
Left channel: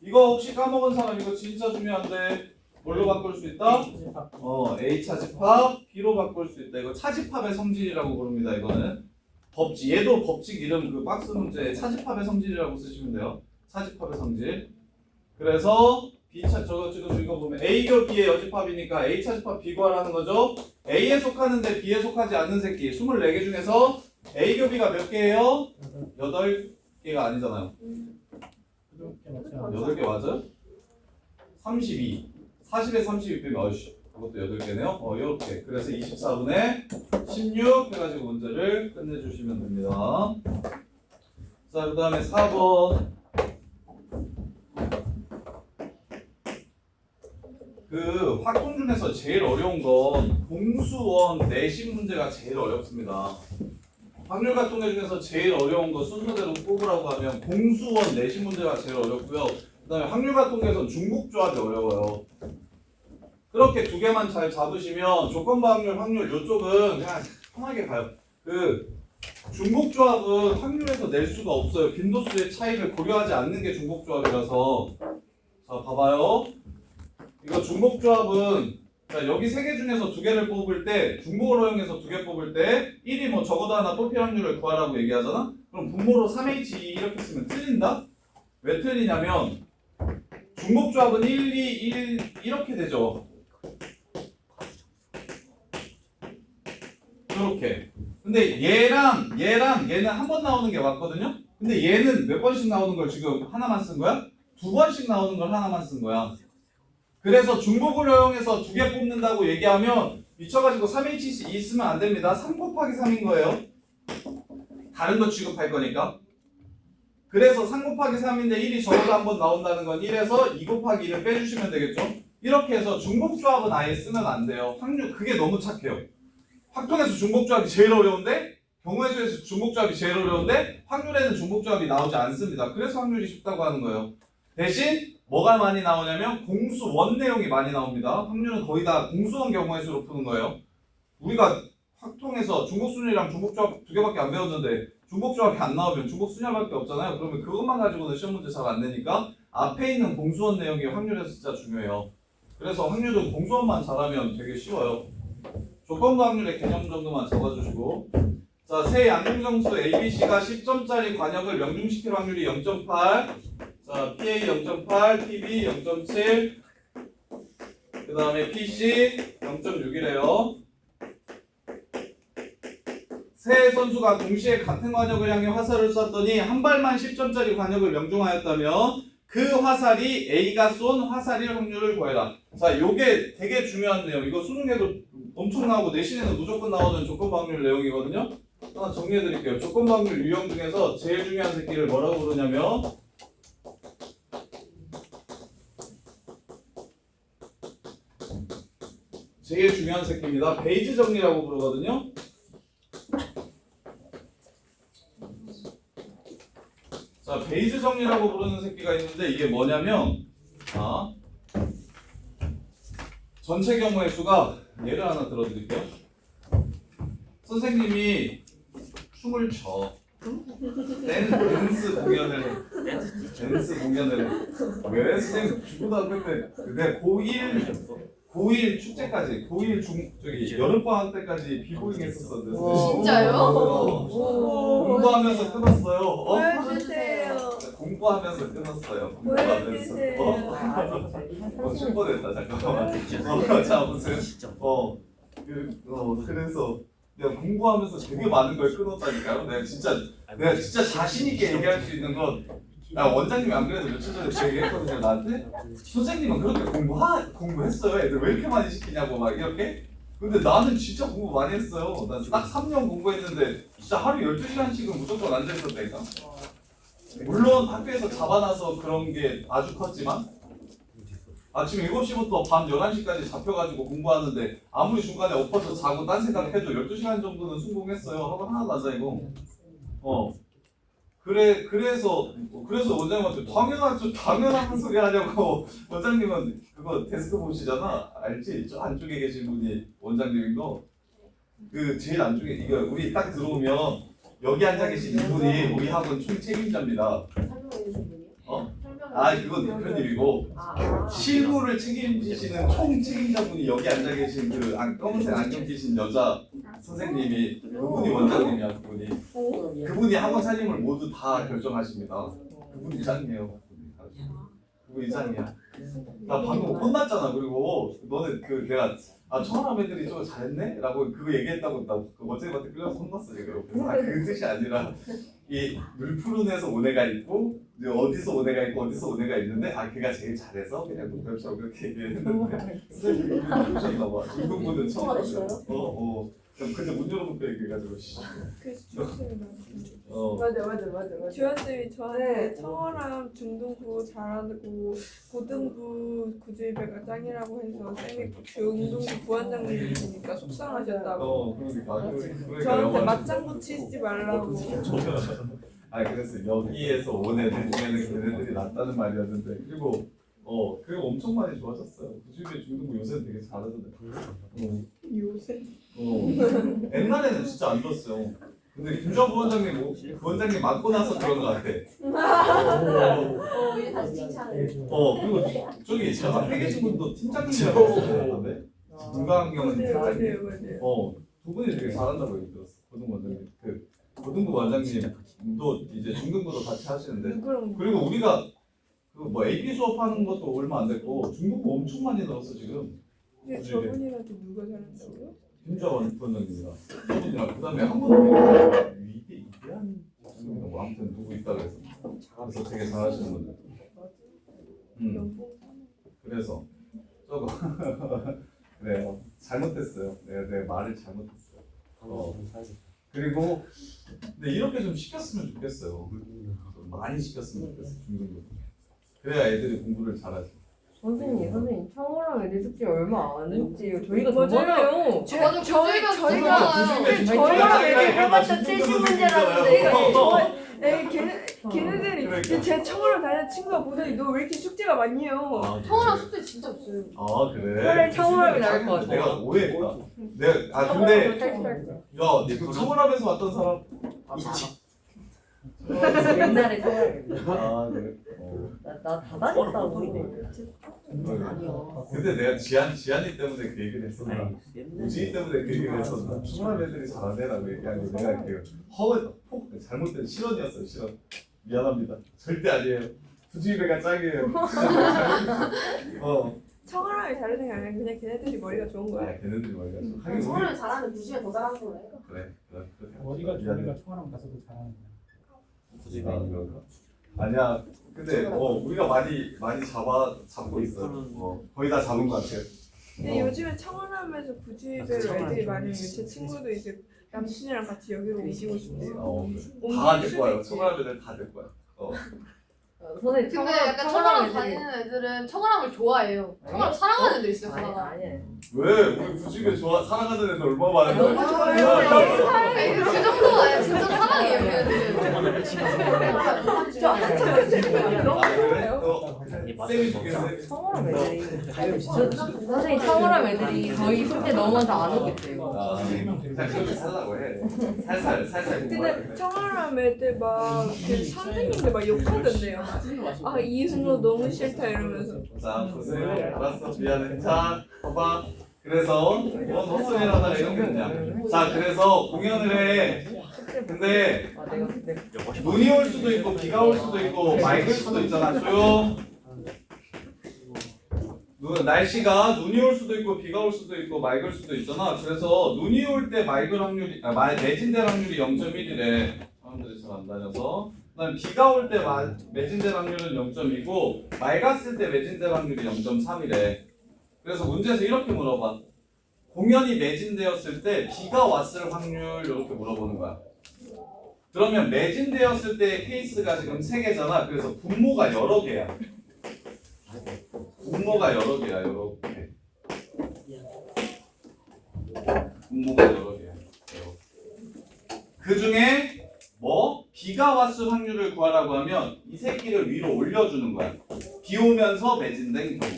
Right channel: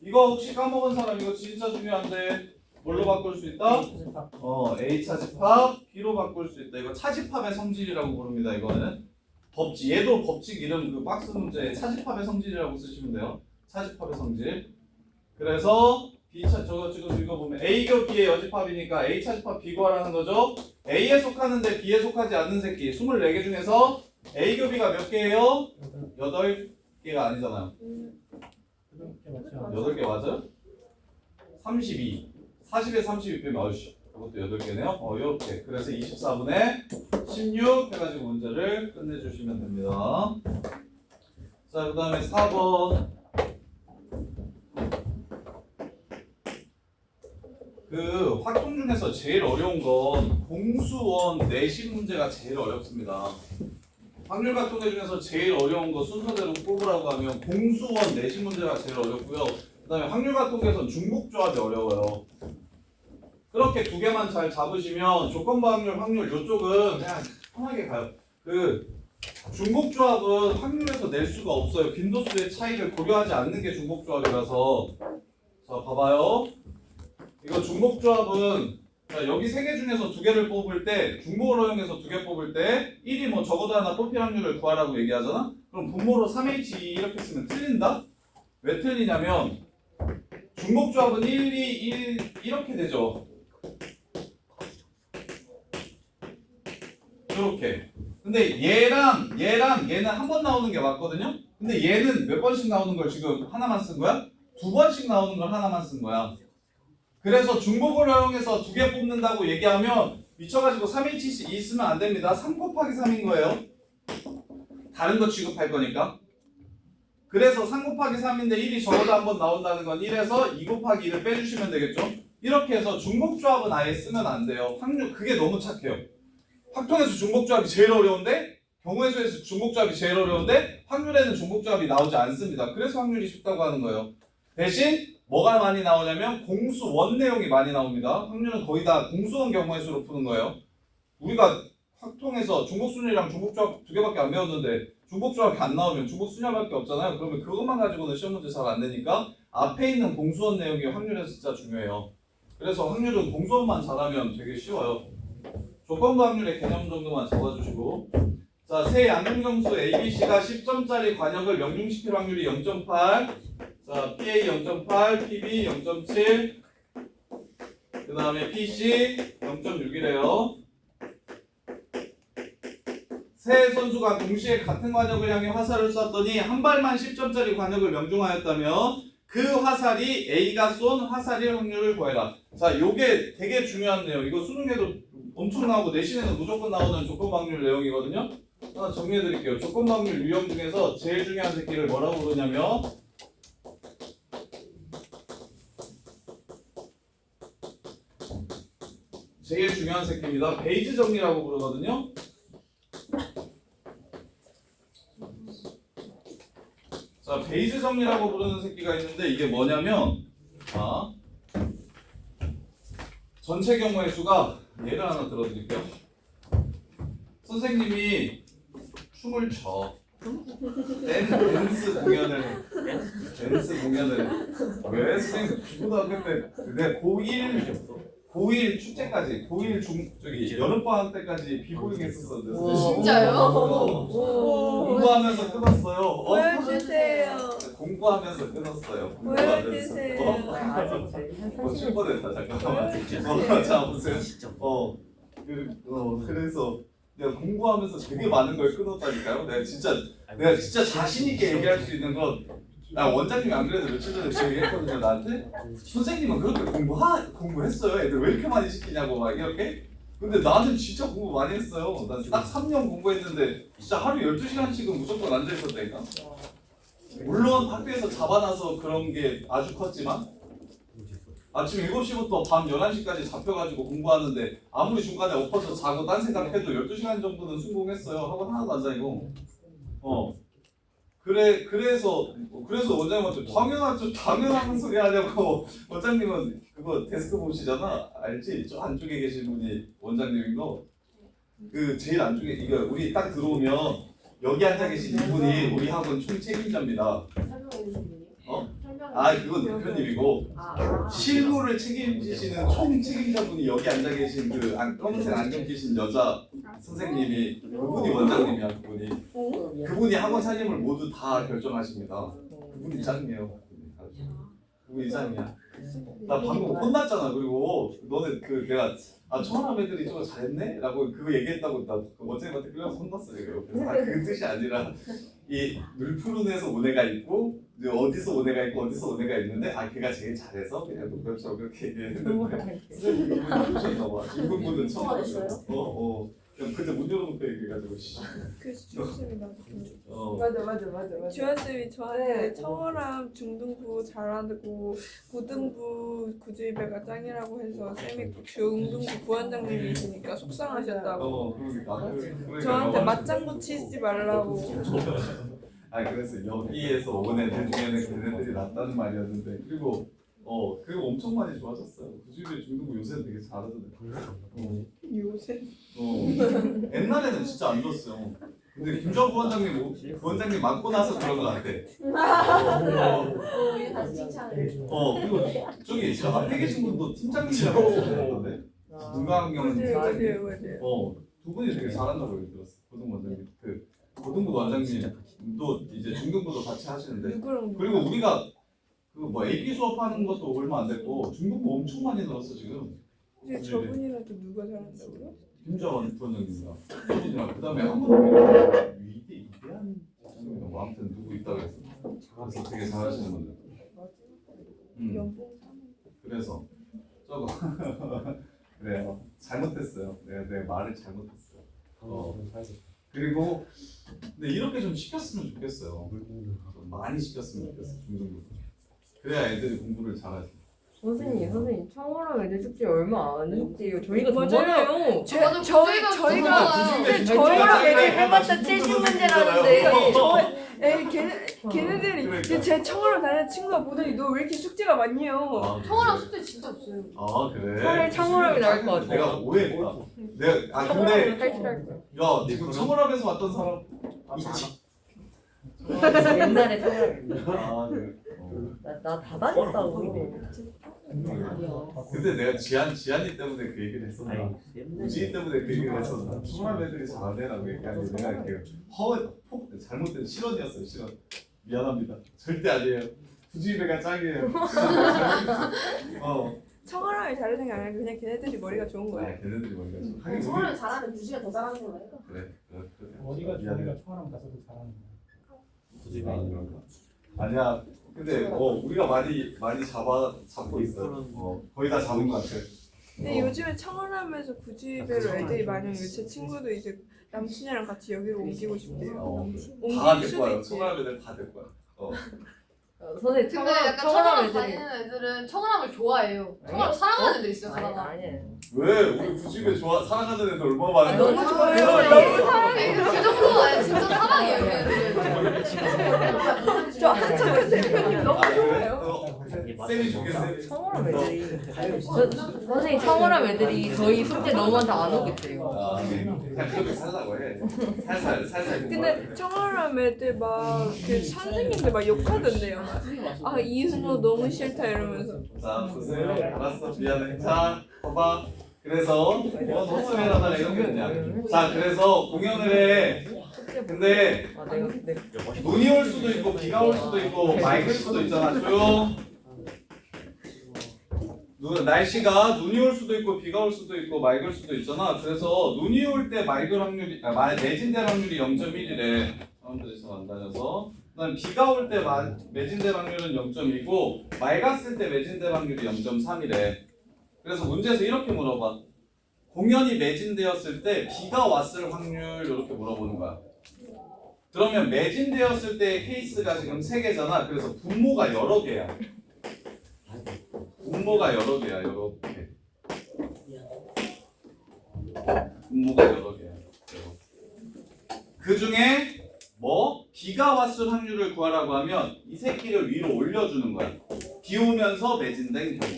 이거 혹시 까먹은 사람 이거 진짜 중요한데 뭘로 바꿀 수 있다? A 차집합 B로 바꿀 수 있다. 이거 차집합의 성질이라고 부릅니다. 이거는 법칙 얘도 법칙 이름 그 박스 문제 차집합의 성질이라고 쓰시면 돼요. 차집합의 성질. 그래서 B차 저거 지금 읽어보면 A교 B의 여집합이니까 A 차집합 B 구하라는 거죠. A에 속하는데 B에 속하지 않는 새끼 24개 중에서 A교 B가 몇 개예요? 8개가 아니잖아요. 8개 맞아요? 32 40에 32 빼면 어이씨 그것도 8개네요. 이렇게 그래서 24분의 16 해가지고 문제를 끝내주시면 됩니다. 자, 그 다음에 4번 그 확통 중에서 제일 어려운 건 공수원 내신 문제가 제일 어렵습니다. 확률 같통계 중에서 제일 어려운 거 순서대로 뽑으라고 하면 공수원 내신 문제가 제일 어렵고요. 그 다음에 확률 같통계에서는 중복조합이 어려워요. 그렇게 두 개만 잘 잡으시면 조건부 확률 이쪽은 그냥 편하게 가요. 그 중복조합은 확률에서 낼 수가 없어요. 빈도수의 차이를 고려하지 않는 게 중복조합이라서. 자, 봐봐요. 이거 중복조합은 자, 여기 세 개 중에서 두 개를 뽑을 때 중복을 허용해서 두 개 뽑을 때 1이 뭐 적어도 하나 뽑힐 확률을 구하라고 얘기하잖아? 그럼 분모로 3H2 이렇게 쓰면 틀린다? 왜 틀리냐면 중복조합은 1, 2, 1 이렇게 되죠. 이렇게. 근데 얘랑 얘는 한 번 나오는 게 맞거든요? 근데 얘는 몇 번씩 나오는 걸 지금 하나만 쓴 거야? 두 번씩 나오는 걸 하나만 쓴 거야. 그래서 중복을 허용해서 두 개 뽑는다고 얘기하면 미쳐가지고 3H2 쓰면 안 됩니다. 3 곱하기 3인 거예요. 다른 거 취급할 거니까. 그래서 3 곱하기 3인데 1이 적어도 한번 나온다는 건 1에서 2 곱하기 1을 빼주시면 되겠죠. 이렇게 해서 중복조합은 아예 쓰면 안 돼요. 확률 그게 너무 착해요. 확통에서 중복조합이 제일 어려운데 경우의 수에서 중복조합이 제일 어려운데 확률에는 중복조합이 나오지 않습니다. 그래서 확률이 쉽다고 하는 거예요. 대신 뭐가 많이 나오냐면 공수원 내용이 많이 나옵니다. 확률은 거의 다 공수원 경우의 수로 푸는 거예요. 우리가 확통에서 중복순위랑 중복조합 2개밖에 안 배웠는데 중복조합이 안 나오면 중복순위밖에 없잖아요. 그러면 그것만 가지고는 시험 문제 잘 안 내니까 앞에 있는 공수원 내용이 확률에서 진짜 중요해요. 그래서 확률은 공수원만 잘하면 되게 쉬워요. 조건부 확률의 개념 정도만 적어주시고, 자, 세 양중정수 ABC가 10점짜리 관역을 명중시킬 확률이 0.8, 자, PA 0.8, PB 0.7, 그 다음에 PC 0.6이래요. 세 선수가 동시에 같은 관역을 향해 화살을 쐈더니 한 발만 10점짜리 관역을 명중하였다면 그 화살이 A가 쏜 화살일 확률을 구해라. 자, 요게 되게 중요한 내용. 이거 수능에도 엄청 나오고 내신에는 무조건 나오는 조건부 확률 내용이거든요. 하나 정리해드릴게요. 조건부 확률 유형 중에서 제일 중요한 새끼를 뭐라고 부르냐면 제일 중요한 새끼입니다. 베이지 정리라고 부르거든요. 자, 베이지 정리라고 부르는 새끼가 있는데 이게 뭐냐면, 자, 전체 경우의 수가 예를 하나 들어드릴게요. 선생님이 춤을 춰. 댄스 공연을 해. 왜 선생님 고등학교 때 내가 고1 축제까지 저기 여름방학 때까지 비보잉 했었었는데 진짜요? 공부하면서 끊었어요. 보여주세요. 공부하면서 끊었어요. 보여주세요. 칠 뻔했다. 잠깐만. 자, 무슨 그래서 내가 공부하면서 되게 많은 걸 끊었다니까요. 내가 진짜 자신 있게 얘기할 수 있는 건, 나 원장님이 안 그래도 며칠 전에 제 얘기했거든요. 나한테 선생님은 그렇게 공부했어요. 애들 왜 이렇게 많이 시키냐고 막 이렇게. 근데 나는 진짜 공부 많이 했어요. 난 딱 3년 공부했는데 진짜 하루 12시간씩은 무조건 앉아 있었다니까. 물론 학교에서 잡아놔서 그런 게 아주 컸지만 아침 7시부터 밤 11시까지 잡혀가지고 공부하는데 아무리 중간에 엎어서 자고 딴 생각해도 12시간 정도는 성공했어요. 학원 하나도 안 다니고. 그래서 원장님한테 당연한 소리 하냐고. 원장님은 그거 데스크 보시잖아. 알지? 저 안쪽에 계신 분이 원장님인 거. 그 제일 안쪽에 이거 우리 딱 들어오면 여기 앉아 계신 이분이 우리 학원 총 책임자입니다. 설명해 주신 분이요? 그건 대표님이고 실무를 책임지시는 총 책임자분이 여기 앉아 계신 그 검은색 안경 끼신 여자 선생님이, 그분이 원장님이야. 그분이 학원 살림을 모두 다 결정하십니다. 그분이 짱이에요. 그분이 짱이야. 나 방금 혼났잖아. 그리고 너네 내가 청아람 애들이 저거 잘했네? 라고 그거 얘기했다고 나 원장님한테 끌려서 혼났어 지금. 그래서 그 뜻이 아니라 이 늘푸른에서 온 애가 있고 어디서 온 애가 있고 어디서 온 애가 있는데 걔가 제일 잘해서 그냥 농담처럼 그렇게 얘기했는 거야. 선생님이 이분이 보셨나 봐. 이분은 처음 봤어요. 그때 문 열어놓고 얘기해가지고. 그래서 주연쌤이 맞아. 주연쌤이 저한테 청어람 중등부 잘하고 고등부 구주입배가 짱이라고 해서 쌤이 중등부 부원장님이시니까 속상하셨다고. 그러니까 저한테 맞장구 치지 말라고. 그래서 여기에서 온 애들 중에는 걔네들이 낫다는 말이었는데, 그리고 그거 엄청 많이 좋아졌어요. 구주입배 중등부 요새는 되게 잘하던데. 요새 옛날에는 진짜 안 좋았어요. 근데 김주환 부원장님 맡고 나서 그런 것 같아. 우리 다시 칭찬을. 그리고 저기 저 앞에 계신 분도 팀장님이라고 하셨는데, 문광경은 팀장님. 두 분이 되게 잘한다고 얘기 들었어. 고등부 원장님. 고등부 원장님도 이제 중등부도 같이 하시는데, 그리고 우리가 AP 수업하는 것도 얼마 안 됐고 중등부 엄청 많이 늘었어 지금. 근데 저분이랑 또 누가 잘한다고요? 김자원 부원장님이랑 저분이랑 그다음에 한 분도 위대한 뭐 아무튼 누구 있다 그래서 되게 잘하시는 분들. 연봉 그래서 저거 그래요. 잘못했어요. 내가 말을 잘못했어요. 그리고 근데 이렇게 좀 시켰으면 좋겠어요. 많이 시켰으면 좋겠어 중등부. 그래야 애들이 공부를 잘하지. 선생님 처음으로 애들 숙제 얼마 안 했지요. 저희가 더 맞아요. 많아요. 맞아, 저희가 저희랑 애들 해봤자 70문제라는데 그래, 걔네들이 제 청으로 다니는 친구가 보더니 너 왜 이렇게 숙제가 많니요? 청어랑 숙제 진짜 없어요. 아 그래? 차라리 청원하면 나을 것 같아. 내가 오해했다. 내가 근데 야 이거 청원합에서 왔던 사람 있지. 옛날에 청원했는데. 아 그래. 나다 다녔다고. 근데 내가 지한이 때문에 그 얘기를 했었나? 우진이 때문에 그 얘기를 했었나? 청원합 애들이 잘 안 되라고 얘기하는데 내가 이렇게 잘못된 실언이었어요. 실언. 미안합니다. 절대 아니에요. 부주의배가 짱이에요. 청아람이 다르는 게 아니라 그냥 걔네들이 머리가 좋은 거야. 아, 걔네들이 머리가 좀. 하긴 우리 청아를 잘하는 부지가 더 잘하는 걸로 해요. 그래. 머리가 미안해. 좋으니까 총알함 가서도 잘하는 거야. 굳이 아, 그런가? 아니야. 근데 우리가 많이 잡고 있어. 거의 다 잡은 것 같아. 근데 요즘에 청아람에서 구지배로 애들이 많으면 제 친구도 이제 남친이랑 같이 여기로 옮기고 싶대요. 다 될 거야. 청아들은 다 될 거야. 선생님 근데 약간 청어랑 다니는 애들은 청어랑을 좋아해요. 청어랑 사랑하는 애들 있어요, 가다가. 아니에요. 왜? 우리 부지배 사랑하는 애들 얼마나 많은데? 너무 좋아해요. 그 정도 아니 진짜 사랑해요, 걔네들. 저 한참 생각이 너무 좋아요. 쌤이 좋겠어요. 청원함 애들이 선생님 청원함 애들이 저희 숙제 너무 많다 안 오겠대요. 아, 그냥 그렇게 살라고 해. 살살 근데 청아람 애들 막그 선생님들 막 욕하던데요. 아 이승로 너무 싫다 이러면서. 자, 보세요. 알았어. 미안해. 자, 봐봐. 그래서 뭔 헛소리하다가 이런 게 있냐. 자, 그래서 공연을 해. 근데 눈이 올 수도 있고 비가 올 수도 있고 맑을 수도 있잖아. 조용. 날씨가 눈이 올 수도 있고 비가 올 수도 있고 맑을 수도 있잖아. 그래서 눈이 올 때 맑을 확률이 매진될 확률이 0.1이래. 사람들이 잘 안 다녀서. 그다음 비가 올 때 매진될 확률은 0.2고 맑았을 때 매진될 확률이 0.3이래. 그래서 문제에서 이렇게 물어봐. 공연이 매진되었을 때 비가 왔을 확률 이렇게 물어보는 거야. 그러면 매진되었을 때 케이스가 지금 3개잖아. 그래서 분모가 여러 개야. 분모가 여러 개야. 이렇게. 분모가 여러 개야. 그 중에 비가 왔을 확률을 구하라고 하면 이 새끼를 위로 올려주는 거야. 비 오면서 매진된 경우.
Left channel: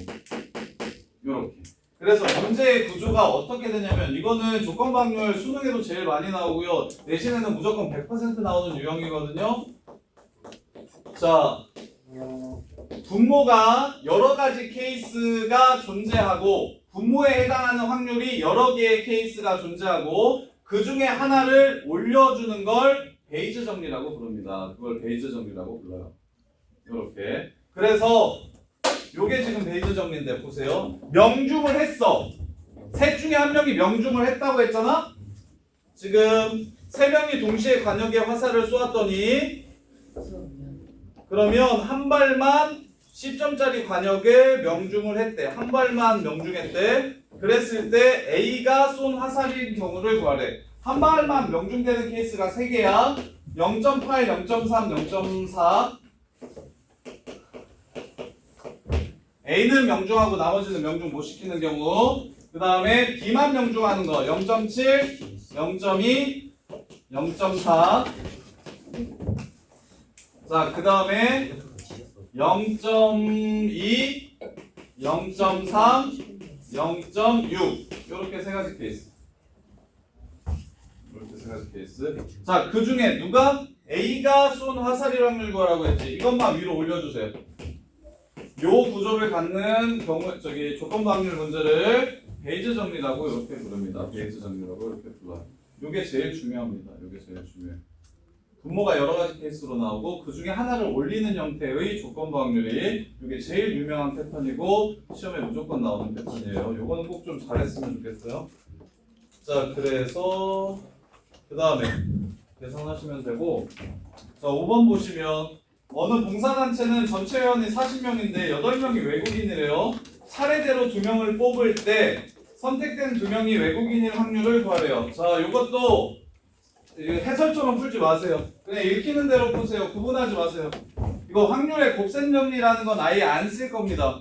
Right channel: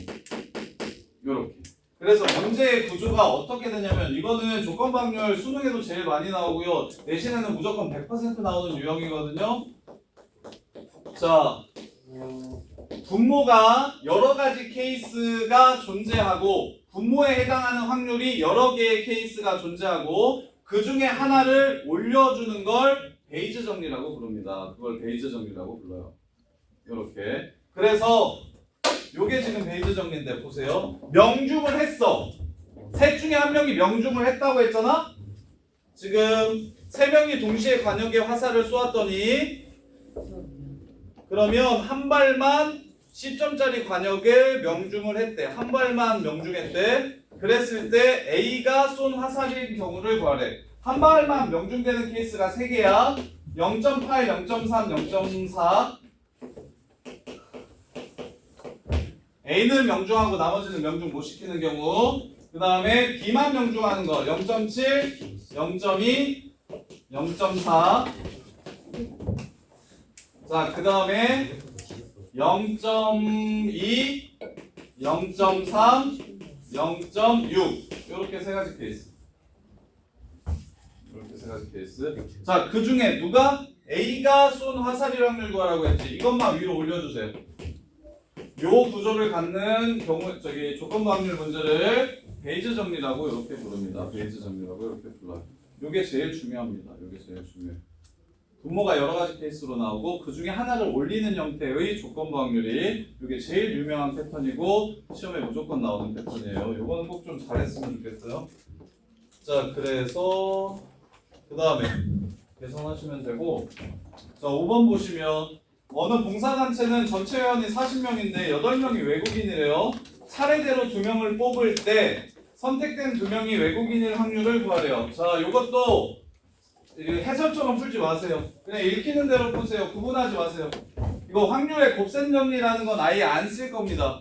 요렇게. 그래서 문제의 구조가 어떻게 되냐면 이거는 조건부 확률 수능에도 제일 많이 나오고요. 내신에는 무조건 100% 나오는 유형이거든요. 자, 분모가 여러 가지 케이스가 존재하고 분모에 해당하는 확률이 여러 개의 케이스가 존재하고 그 중에 하나를 올려주는 걸 베이즈 정리라고 부릅니다. 그걸 베이즈 정리라고 불러요. 이렇게. 그래서 요게 지금 베이즈 정리인데 보세요. 명중을 했어. 셋 중에 한 명이 명중을 했다고 했잖아. 지금 3명이 동시에 관역에 화살을 쏘았더니 그러면 한 발만 10점짜리 관역에 명중을 했대. 한 발만 명중했대. 그랬을 때 A가 쏜 화살인 경우를 구하래. 한 발만 명중되는 케이스가 3개야. 0.8, 0.3, 0.4. A는 명중하고 나머지는 명중 못 시키는 경우. 그 다음에 B만 명중하는 거 0.7, 0.2, 0.4. 자, 그 다음에 0.2, 0.3, 0.6 이렇게 3가지 케이스. 이렇게 3가지 케이스. 자, 그 중에 누가 A가 쏜 화살일 확률 구하라고 했지. 이것만 위로 올려주세요. 요 구조를 갖는 경우 조건부 확률 문제를 베이즈 정리라고 이렇게 부릅니다. 베이즈 정리라고 이렇게 불러요. 요게 제일 중요합니다. 요게 제일 중요해요. 분모가 여러 가지 케이스로 나오고 그 중에 하나를 올리는 형태의 조건부 확률이 이게 제일 유명한 패턴이고 시험에 무조건 나오는 패턴이에요. 요거는 꼭 좀 잘했으면 좋겠어요. 자, 그래서 그 다음에 계산하시면 되고, 자 5번 보시면 어느 봉사단체는 전체 회원이 40명인데 8명이 외국인이래요. 차례대로 2명을 뽑을 때 선택된 2명이 외국인일 확률을 구하래요. 자, 요것도 해설처럼 풀지 마세요. 그냥 읽히는 대로 푸세요. 구분하지 마세요. 이거 확률의 곱셈 정리라는 건 아예 안 쓸 겁니다.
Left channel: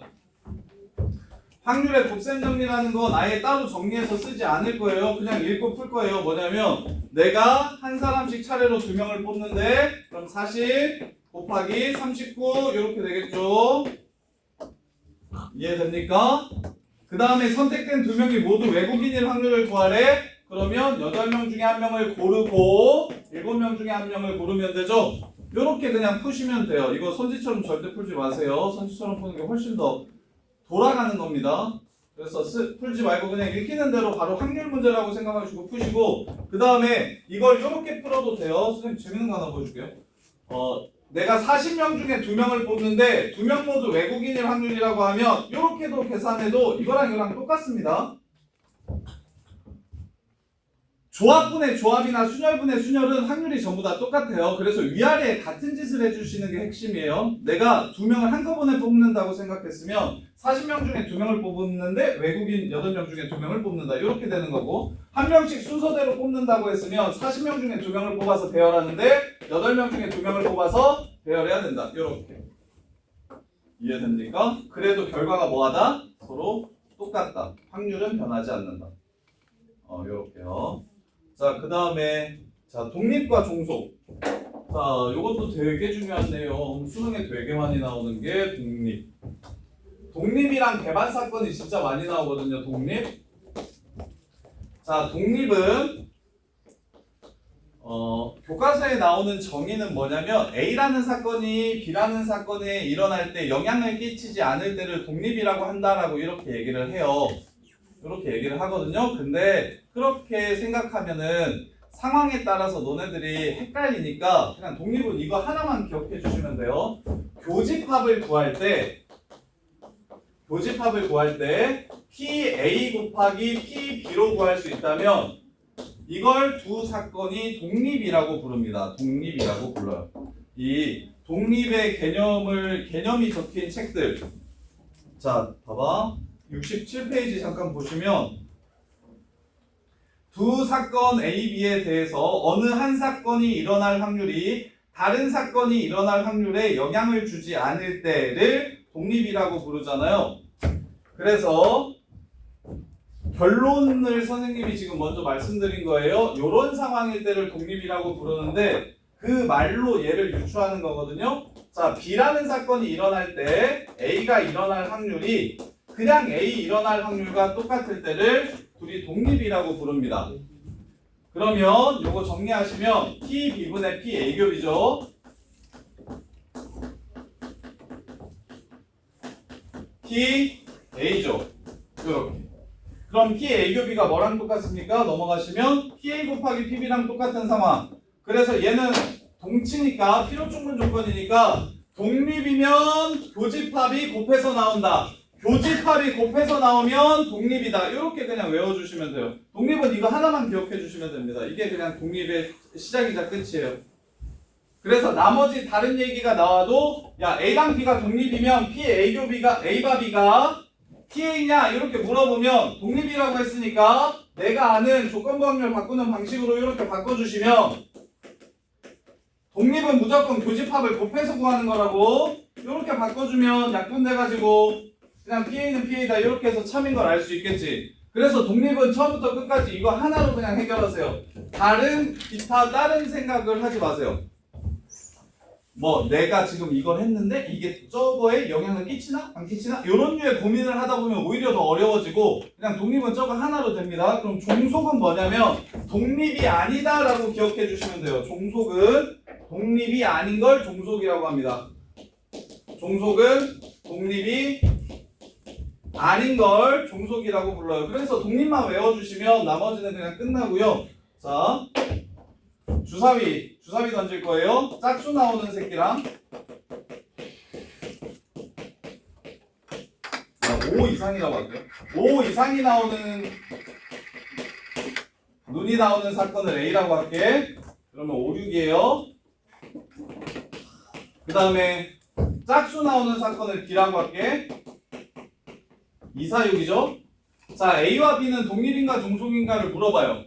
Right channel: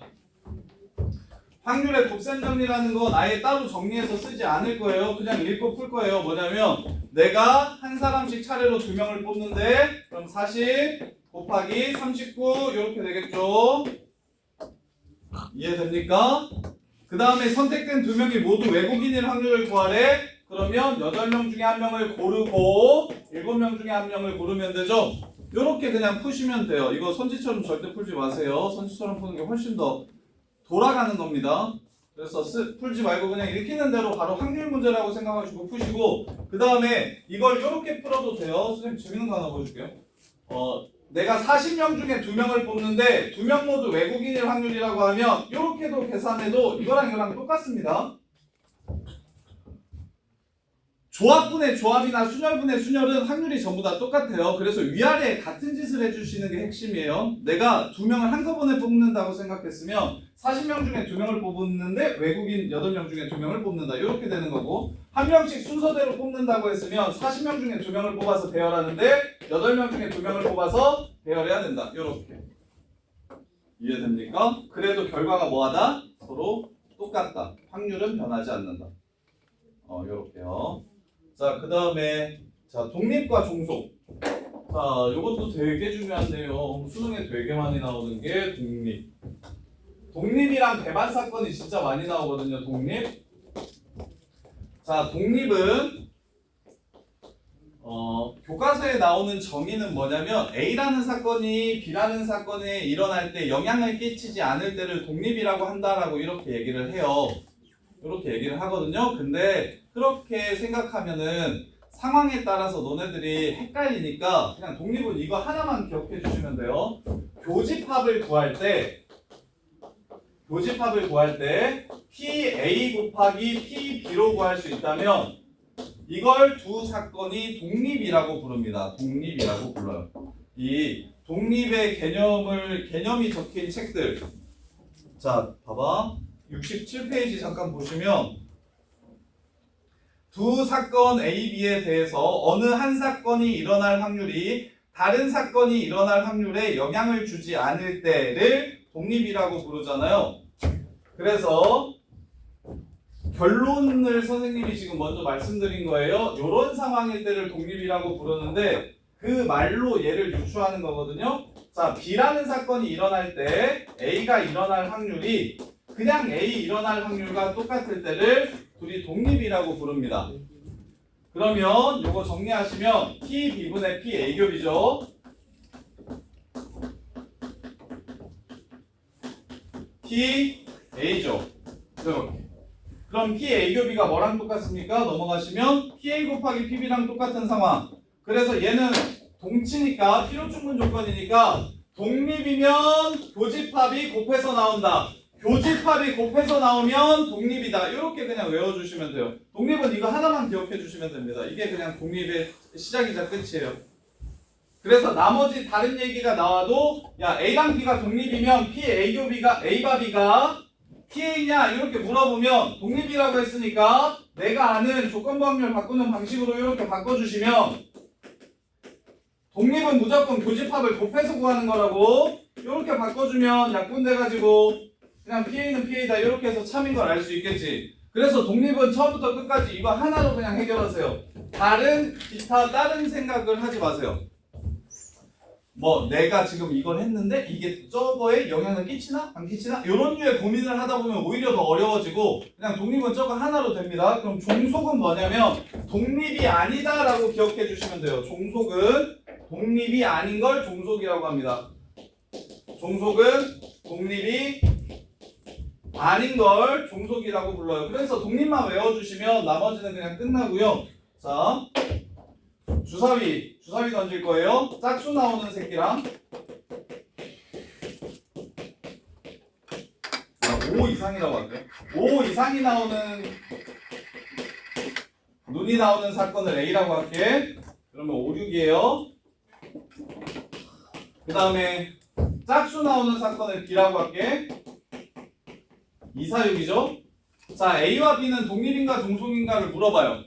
확률의 곱셈 정리라는 건 아예 따로 정리해서 쓰지 않을 거예요. 그냥 읽고 풀 거예요. 뭐냐면 내가 한 사람씩 차례로 2명을 뽑는데 그럼 40 곱하기 39 이렇게 되겠죠. 이해됩니까? 그 다음에 선택된 2명이 모두 외국인일 확률을 구하래. 그러면 8명 중에 1명을 고르고 7명 중에 1명을 고르면 되죠. 이렇게 그냥 푸시면 돼요. 이거 선지처럼 절대 풀지 마세요. 선지처럼 푸는 게 훨씬 더 돌아가는 겁니다. 그래서 풀지 말고 그냥 읽히는 대로 바로 확률 문제라고 생각하시고 푸시고 그 다음에 이걸 이렇게 풀어도 돼요. 선생님 재밌는 거 하나 보여줄게요. 내가 40명 중에 2명을 뽑는데 2명 모두 외국인일 확률이라고 하면 이렇게도 계산해도 이거랑 똑같습니다. 조합분의 조합이나 순열분의 순열은 확률이 전부 다 똑같아요. 그래서 위아래에 같은 짓을 해주시는 게 핵심이에요. 내가 2명을 한꺼번에 뽑는다고 생각했으면 40명 중에 2명을 뽑는데 외국인 8명 중에 2명을 뽑는다. 이렇게 되는 거고 한 명씩 순서대로 뽑는다고 했으면 40명 중에 2명을 뽑아서 배열하는데 8명 중에 2명을 뽑아서 배열해야 된다. 이렇게 이해됩니까? 그래도 결과가 뭐하다? 서로 똑같다. 확률은 변하지 않는다. 이렇게요. 자, 그 다음에 자 독립과 종속. 자, 이것도 되게 중요한 내용. 수능에 되게 많이 나오는 게 독립. 독립이랑 배반 사건이 진짜 많이 나오거든요. 독립. 자, 독립은 교과서에 나오는 정의는 뭐냐면 A라는 사건이 B라는 사건에 일어날 때 영향을 끼치지 않을 때를 독립이라고 한다라고 이렇게 얘기를 해요. 이렇게 얘기를 하거든요. 근데 그렇게 생각하면은 상황에 따라서 너네들이 헷갈리니까 그냥 독립은 이거 하나만 기억해 주시면 돼요. 교집합을 구할 때 PA 곱하기 PB로 구할 수 있다면 이걸 두 사건이 독립이라고 부릅니다. 독립이라고 불러요. 이 독립의 개념이 적힌 책들. 자, 봐봐. 67페이지 잠깐 보시면 두 사건 A, B에 대해서 어느 한 사건이 일어날 확률이 다른 사건이 일어날 확률에 영향을 주지 않을 때를 독립이라고 부르잖아요. 그래서 결론을 선생님이 지금 먼저 말씀드린 거예요. 이런 상황일 때를 독립이라고 부르는데 그 말로 얘를 유추하는 거거든요. 자, B라는 사건이 일어날 때 A가 일어날 확률이 그냥 A 일어날 확률과 똑같을 때를 둘이 독립이라고 부릅니다. 그러면 요거 정리하시면 PB분의 PA겹이죠. PA죠. 이렇게. 그럼 PA겹이가 뭐랑 똑같습니까? 넘어가시면 PA 곱하기 PB랑 똑같은 상황. 그래서 얘는 동치니까 필요충분 조건이니까 독립이면 교집합이 곱해서 나온다. 교집합이 곱해서 나오면 독립이다. 이렇게 그냥 외워주시면 돼요. 독립은 이거 하나만 기억해 주시면 됩니다. 이게 그냥 독립의 시작이자 끝이에요. 그래서 나머지 다른 얘기가 나와도 야 A랑 B가 독립이면 PA교비가 A바 B가 PA냐 이렇게 물어보면 독립이라고 했으니까 내가 아는 조건부 확률 바꾸는 방식으로 이렇게 바꿔주시면 독립은 무조건 교집합을 곱해서 구하는 거라고 이렇게 바꿔주면 약분돼가지고 그냥 PA는 PA다 이렇게 해서 참인 걸 알 수 있겠지. 그래서 독립은 처음부터 끝까지 이거 하나로 그냥 해결하세요. 기타 다른 생각을 하지 마세요. 뭐 내가 지금 이걸 했는데 이게 저거에 영향을 끼치나 안 끼치나 이런 류의 고민을 하다 보면 오히려 더 어려워지고 그냥 독립은 저거 하나로 됩니다. 그럼 종속은 뭐냐면 독립이 아니다 라고 기억해 주시면 돼요. 종속은 독립이 아닌 걸 종속이라고 합니다. 종속은 독립이 아닌 걸 종속이라고 불러요. 그래서 독립만 외워주시면 나머지는 그냥 끝나고요. 자, 주사위 던질 거예요. 짝수 나오는 새끼랑 5 이상이라고 할게요. 5 이상이 나오는 눈이 나오는 사건을 A라고 할게. 그러면 5, 6이에요. 그 다음에 짝수 나오는 사건을 B라고 할게. 2, 4, 6이죠. 자, A와 B는 독립인가 종속인가를 물어봐요.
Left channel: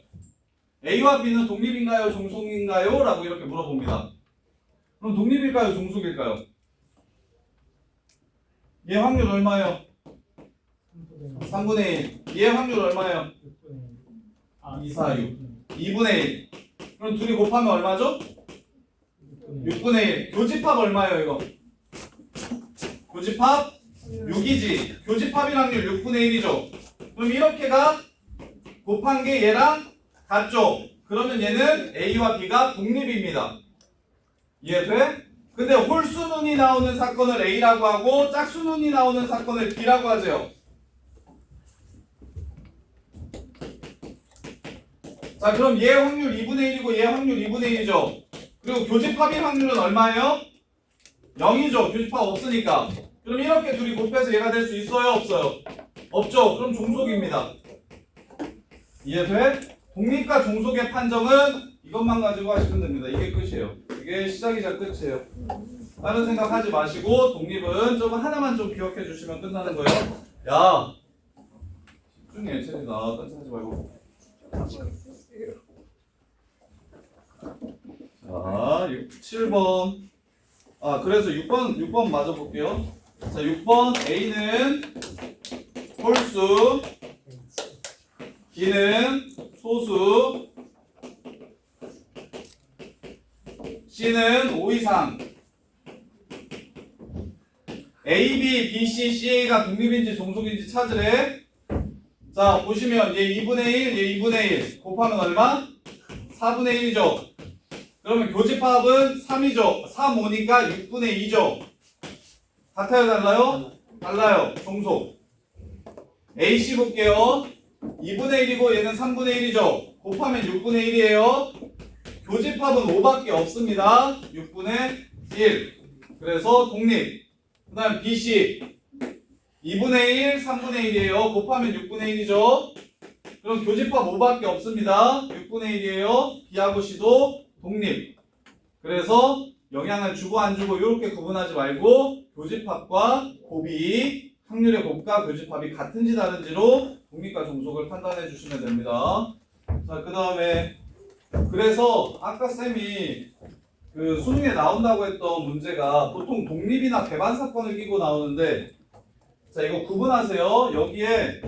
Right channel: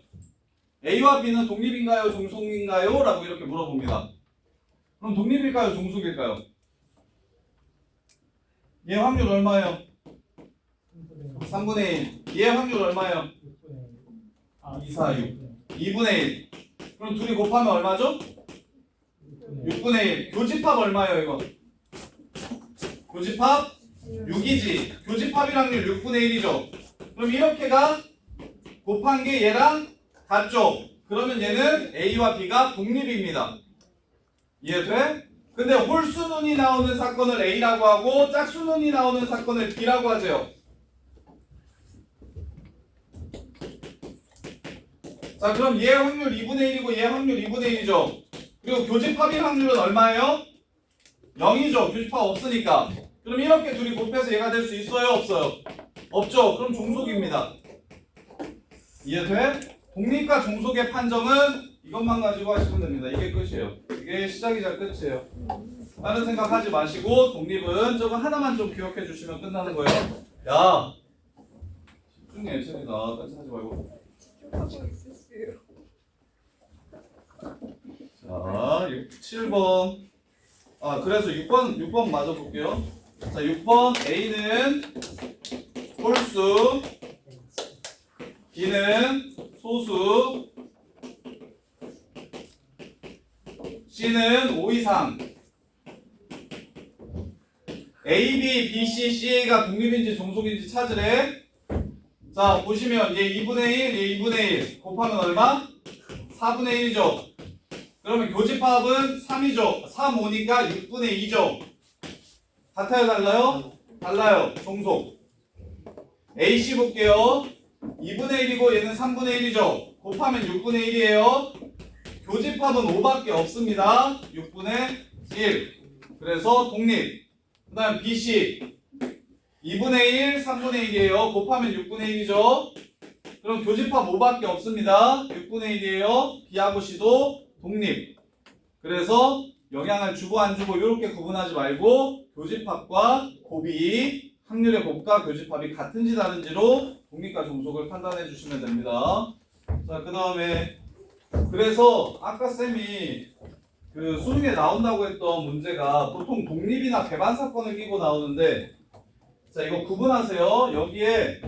A와 B는 독립인가요? 종속인가요? 라고 이렇게 물어봅니다. 그럼 독립일까요? 종속일까요? 얘 확률 얼마예요? 3분의 1. 얘 확률 얼마예요? 2, 4, 6. 2분의 1. 그럼 둘이 곱하면 얼마죠? 6분의 1. 교집합 얼마예요 이거? 교집합 6이지. 교집합일 확률 6분의 1이죠. 그럼 이렇게가 곱한 게 얘랑 같죠? 그러면 얘는 A와 B가 독립입니다. 이해돼? 근데 홀수눈이 나오는 사건을 A라고 하고 짝수눈이 나오는 사건을 B라고 하죠. 자, 그럼 얘 확률 2분의 1이고 얘 확률 2분의 1이죠. 그리고 교집합일 확률은 얼마예요? 0이죠. 교집합 없으니까. 그럼 이렇게 둘이 곱해서 얘가 될 수 있어요? 없어요? 없죠. 그럼 종속입니다. 이해돼? 독립과 종속의 판정은 이것만 가지고 하시면 됩니다. 이게 끝이에요. 이게 시작이자 끝이에요. 다른 생각하지 마시고 독립은 저거 하나만 좀 기억해 주시면 끝나는 거예요. 야, 집중해, 채리가. 딴짓 하지 말고. 자, 7번. 아, 그래서 6번 맞아 볼게요. 자, 6번 A는 홀수, B는 소수, C는 5 이상. A, B, B, C, CA가 독립인지 종속인지 찾으래. 자, 보시면 얘 2분의 1, 얘 2분의 1 곱하면 얼마? 4분의 1이죠. 그러면 교집합은 3이죠. 3, 5니까 6분의 2죠. 같아요, 달라요? 달라요. 종속. AC 볼게요. 2분의 1이고 얘는 3분의 1이죠. 곱하면 6분의 1이에요. 교집합은 5밖에 없습니다. 6분의 1. 그래서 독립. 그 다음 BC 2분의 1, 3분의 1이에요. 곱하면 6분의 1이죠. 그럼 교집합 5밖에 없습니다. 6분의 1이에요. B하고 C도 독립. 그래서 영향을 주고 안 주고 이렇게 구분하지 말고 교집합과 곱이 확률의 곱과 교집합이 같은지 다른지로 독립과 종속을 판단해 주시면 됩니다. 자, 그 다음에 그래서 아까 쌤이 그 수능에 나온다고 했던 문제가 보통 독립이나 배반 사건을 끼고 나오는데, 자, 이거 구분하세요. 여기에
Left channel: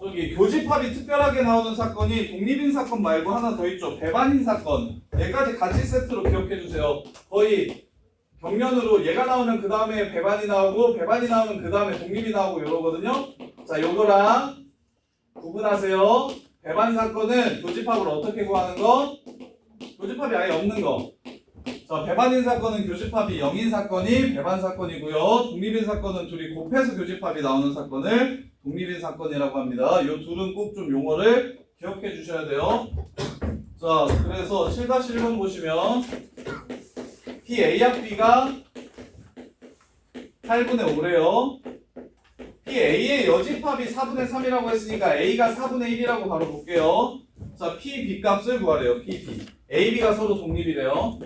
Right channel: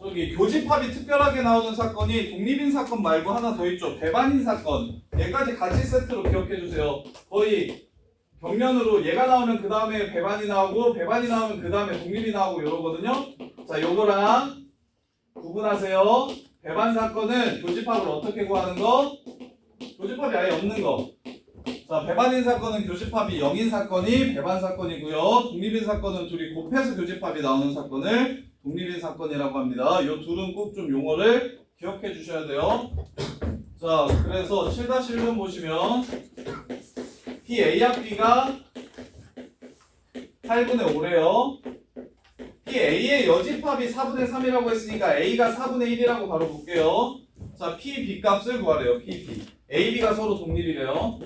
저기 교집합이 특별하게 나오는 사건이 독립인 사건 말고 하나 더 있죠. 배반인 사건. 얘까지 같이 세트로 기억해 주세요. 거의 격면으로 얘가 나오면 그 다음에 배반이 나오고 배반이 나오면 그 다음에 독립이 나오고 이러거든요. 자, 요거랑 구분하세요. 배반 사건은 교집합을 어떻게 구하는 거? 교집합이 아예 없는 거. 자, 배반인 사건은 교집합이 0인 사건이 배반 사건이고요. 독립인 사건은 둘이 곱해서 교집합이 나오는 사건을 독립인 사건이라고 합니다. 이 둘은 꼭 좀 용어를 기억해 주셔야 돼요. 자, 그래서 7-1번 보시면 PA합B가 8분의 5래요. PA의 여집합이 4분의 3이라고 했으니까 A가 4분의 1이라고 바로 볼게요. 자, PB 값을 구하래요. PB. AB가 서로 독립이래요.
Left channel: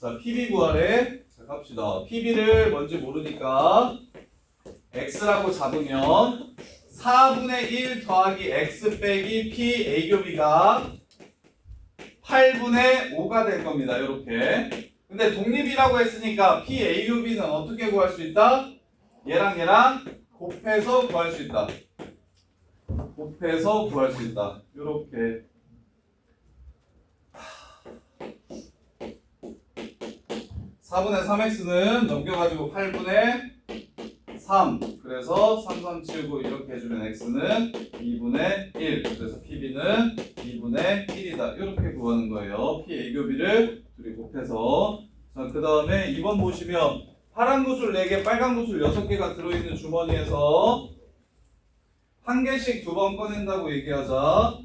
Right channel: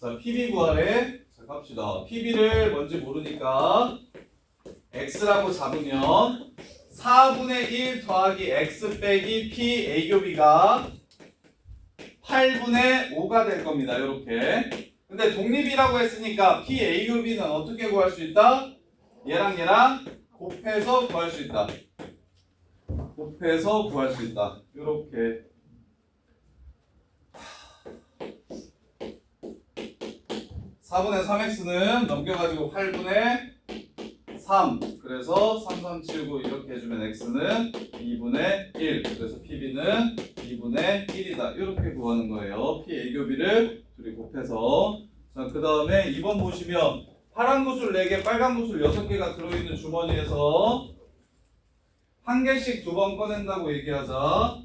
자, PB 구하래. 자, 갑시다. PB를 뭔지 모르니까 X라고 잡으면 4분의 1 더하기 X 빼기 PA 교비가 8분의 5가 될 겁니다. 이렇게. 근데 독립이라고 했으니까 PA 교비는 어떻게 구할 수 있다? 얘랑 곱해서 구할 수 있다. 곱해서 구할 수 있다. 이렇게. 4분의 3x는 넘겨가지고 8분의 3. 그래서 3, 3, 7, 9 이렇게 해주면 x는 2분의 1. 그래서 PB는 2분의 1이다. 이렇게 구하는 거예요. PA 교비를 둘이 곱해서. 자, 그 다음에 2번 보시면 파란 구슬 4개, 빨간 구슬 6개가 들어있는 주머니에서 한 개씩 2번 꺼낸다고 얘기하자.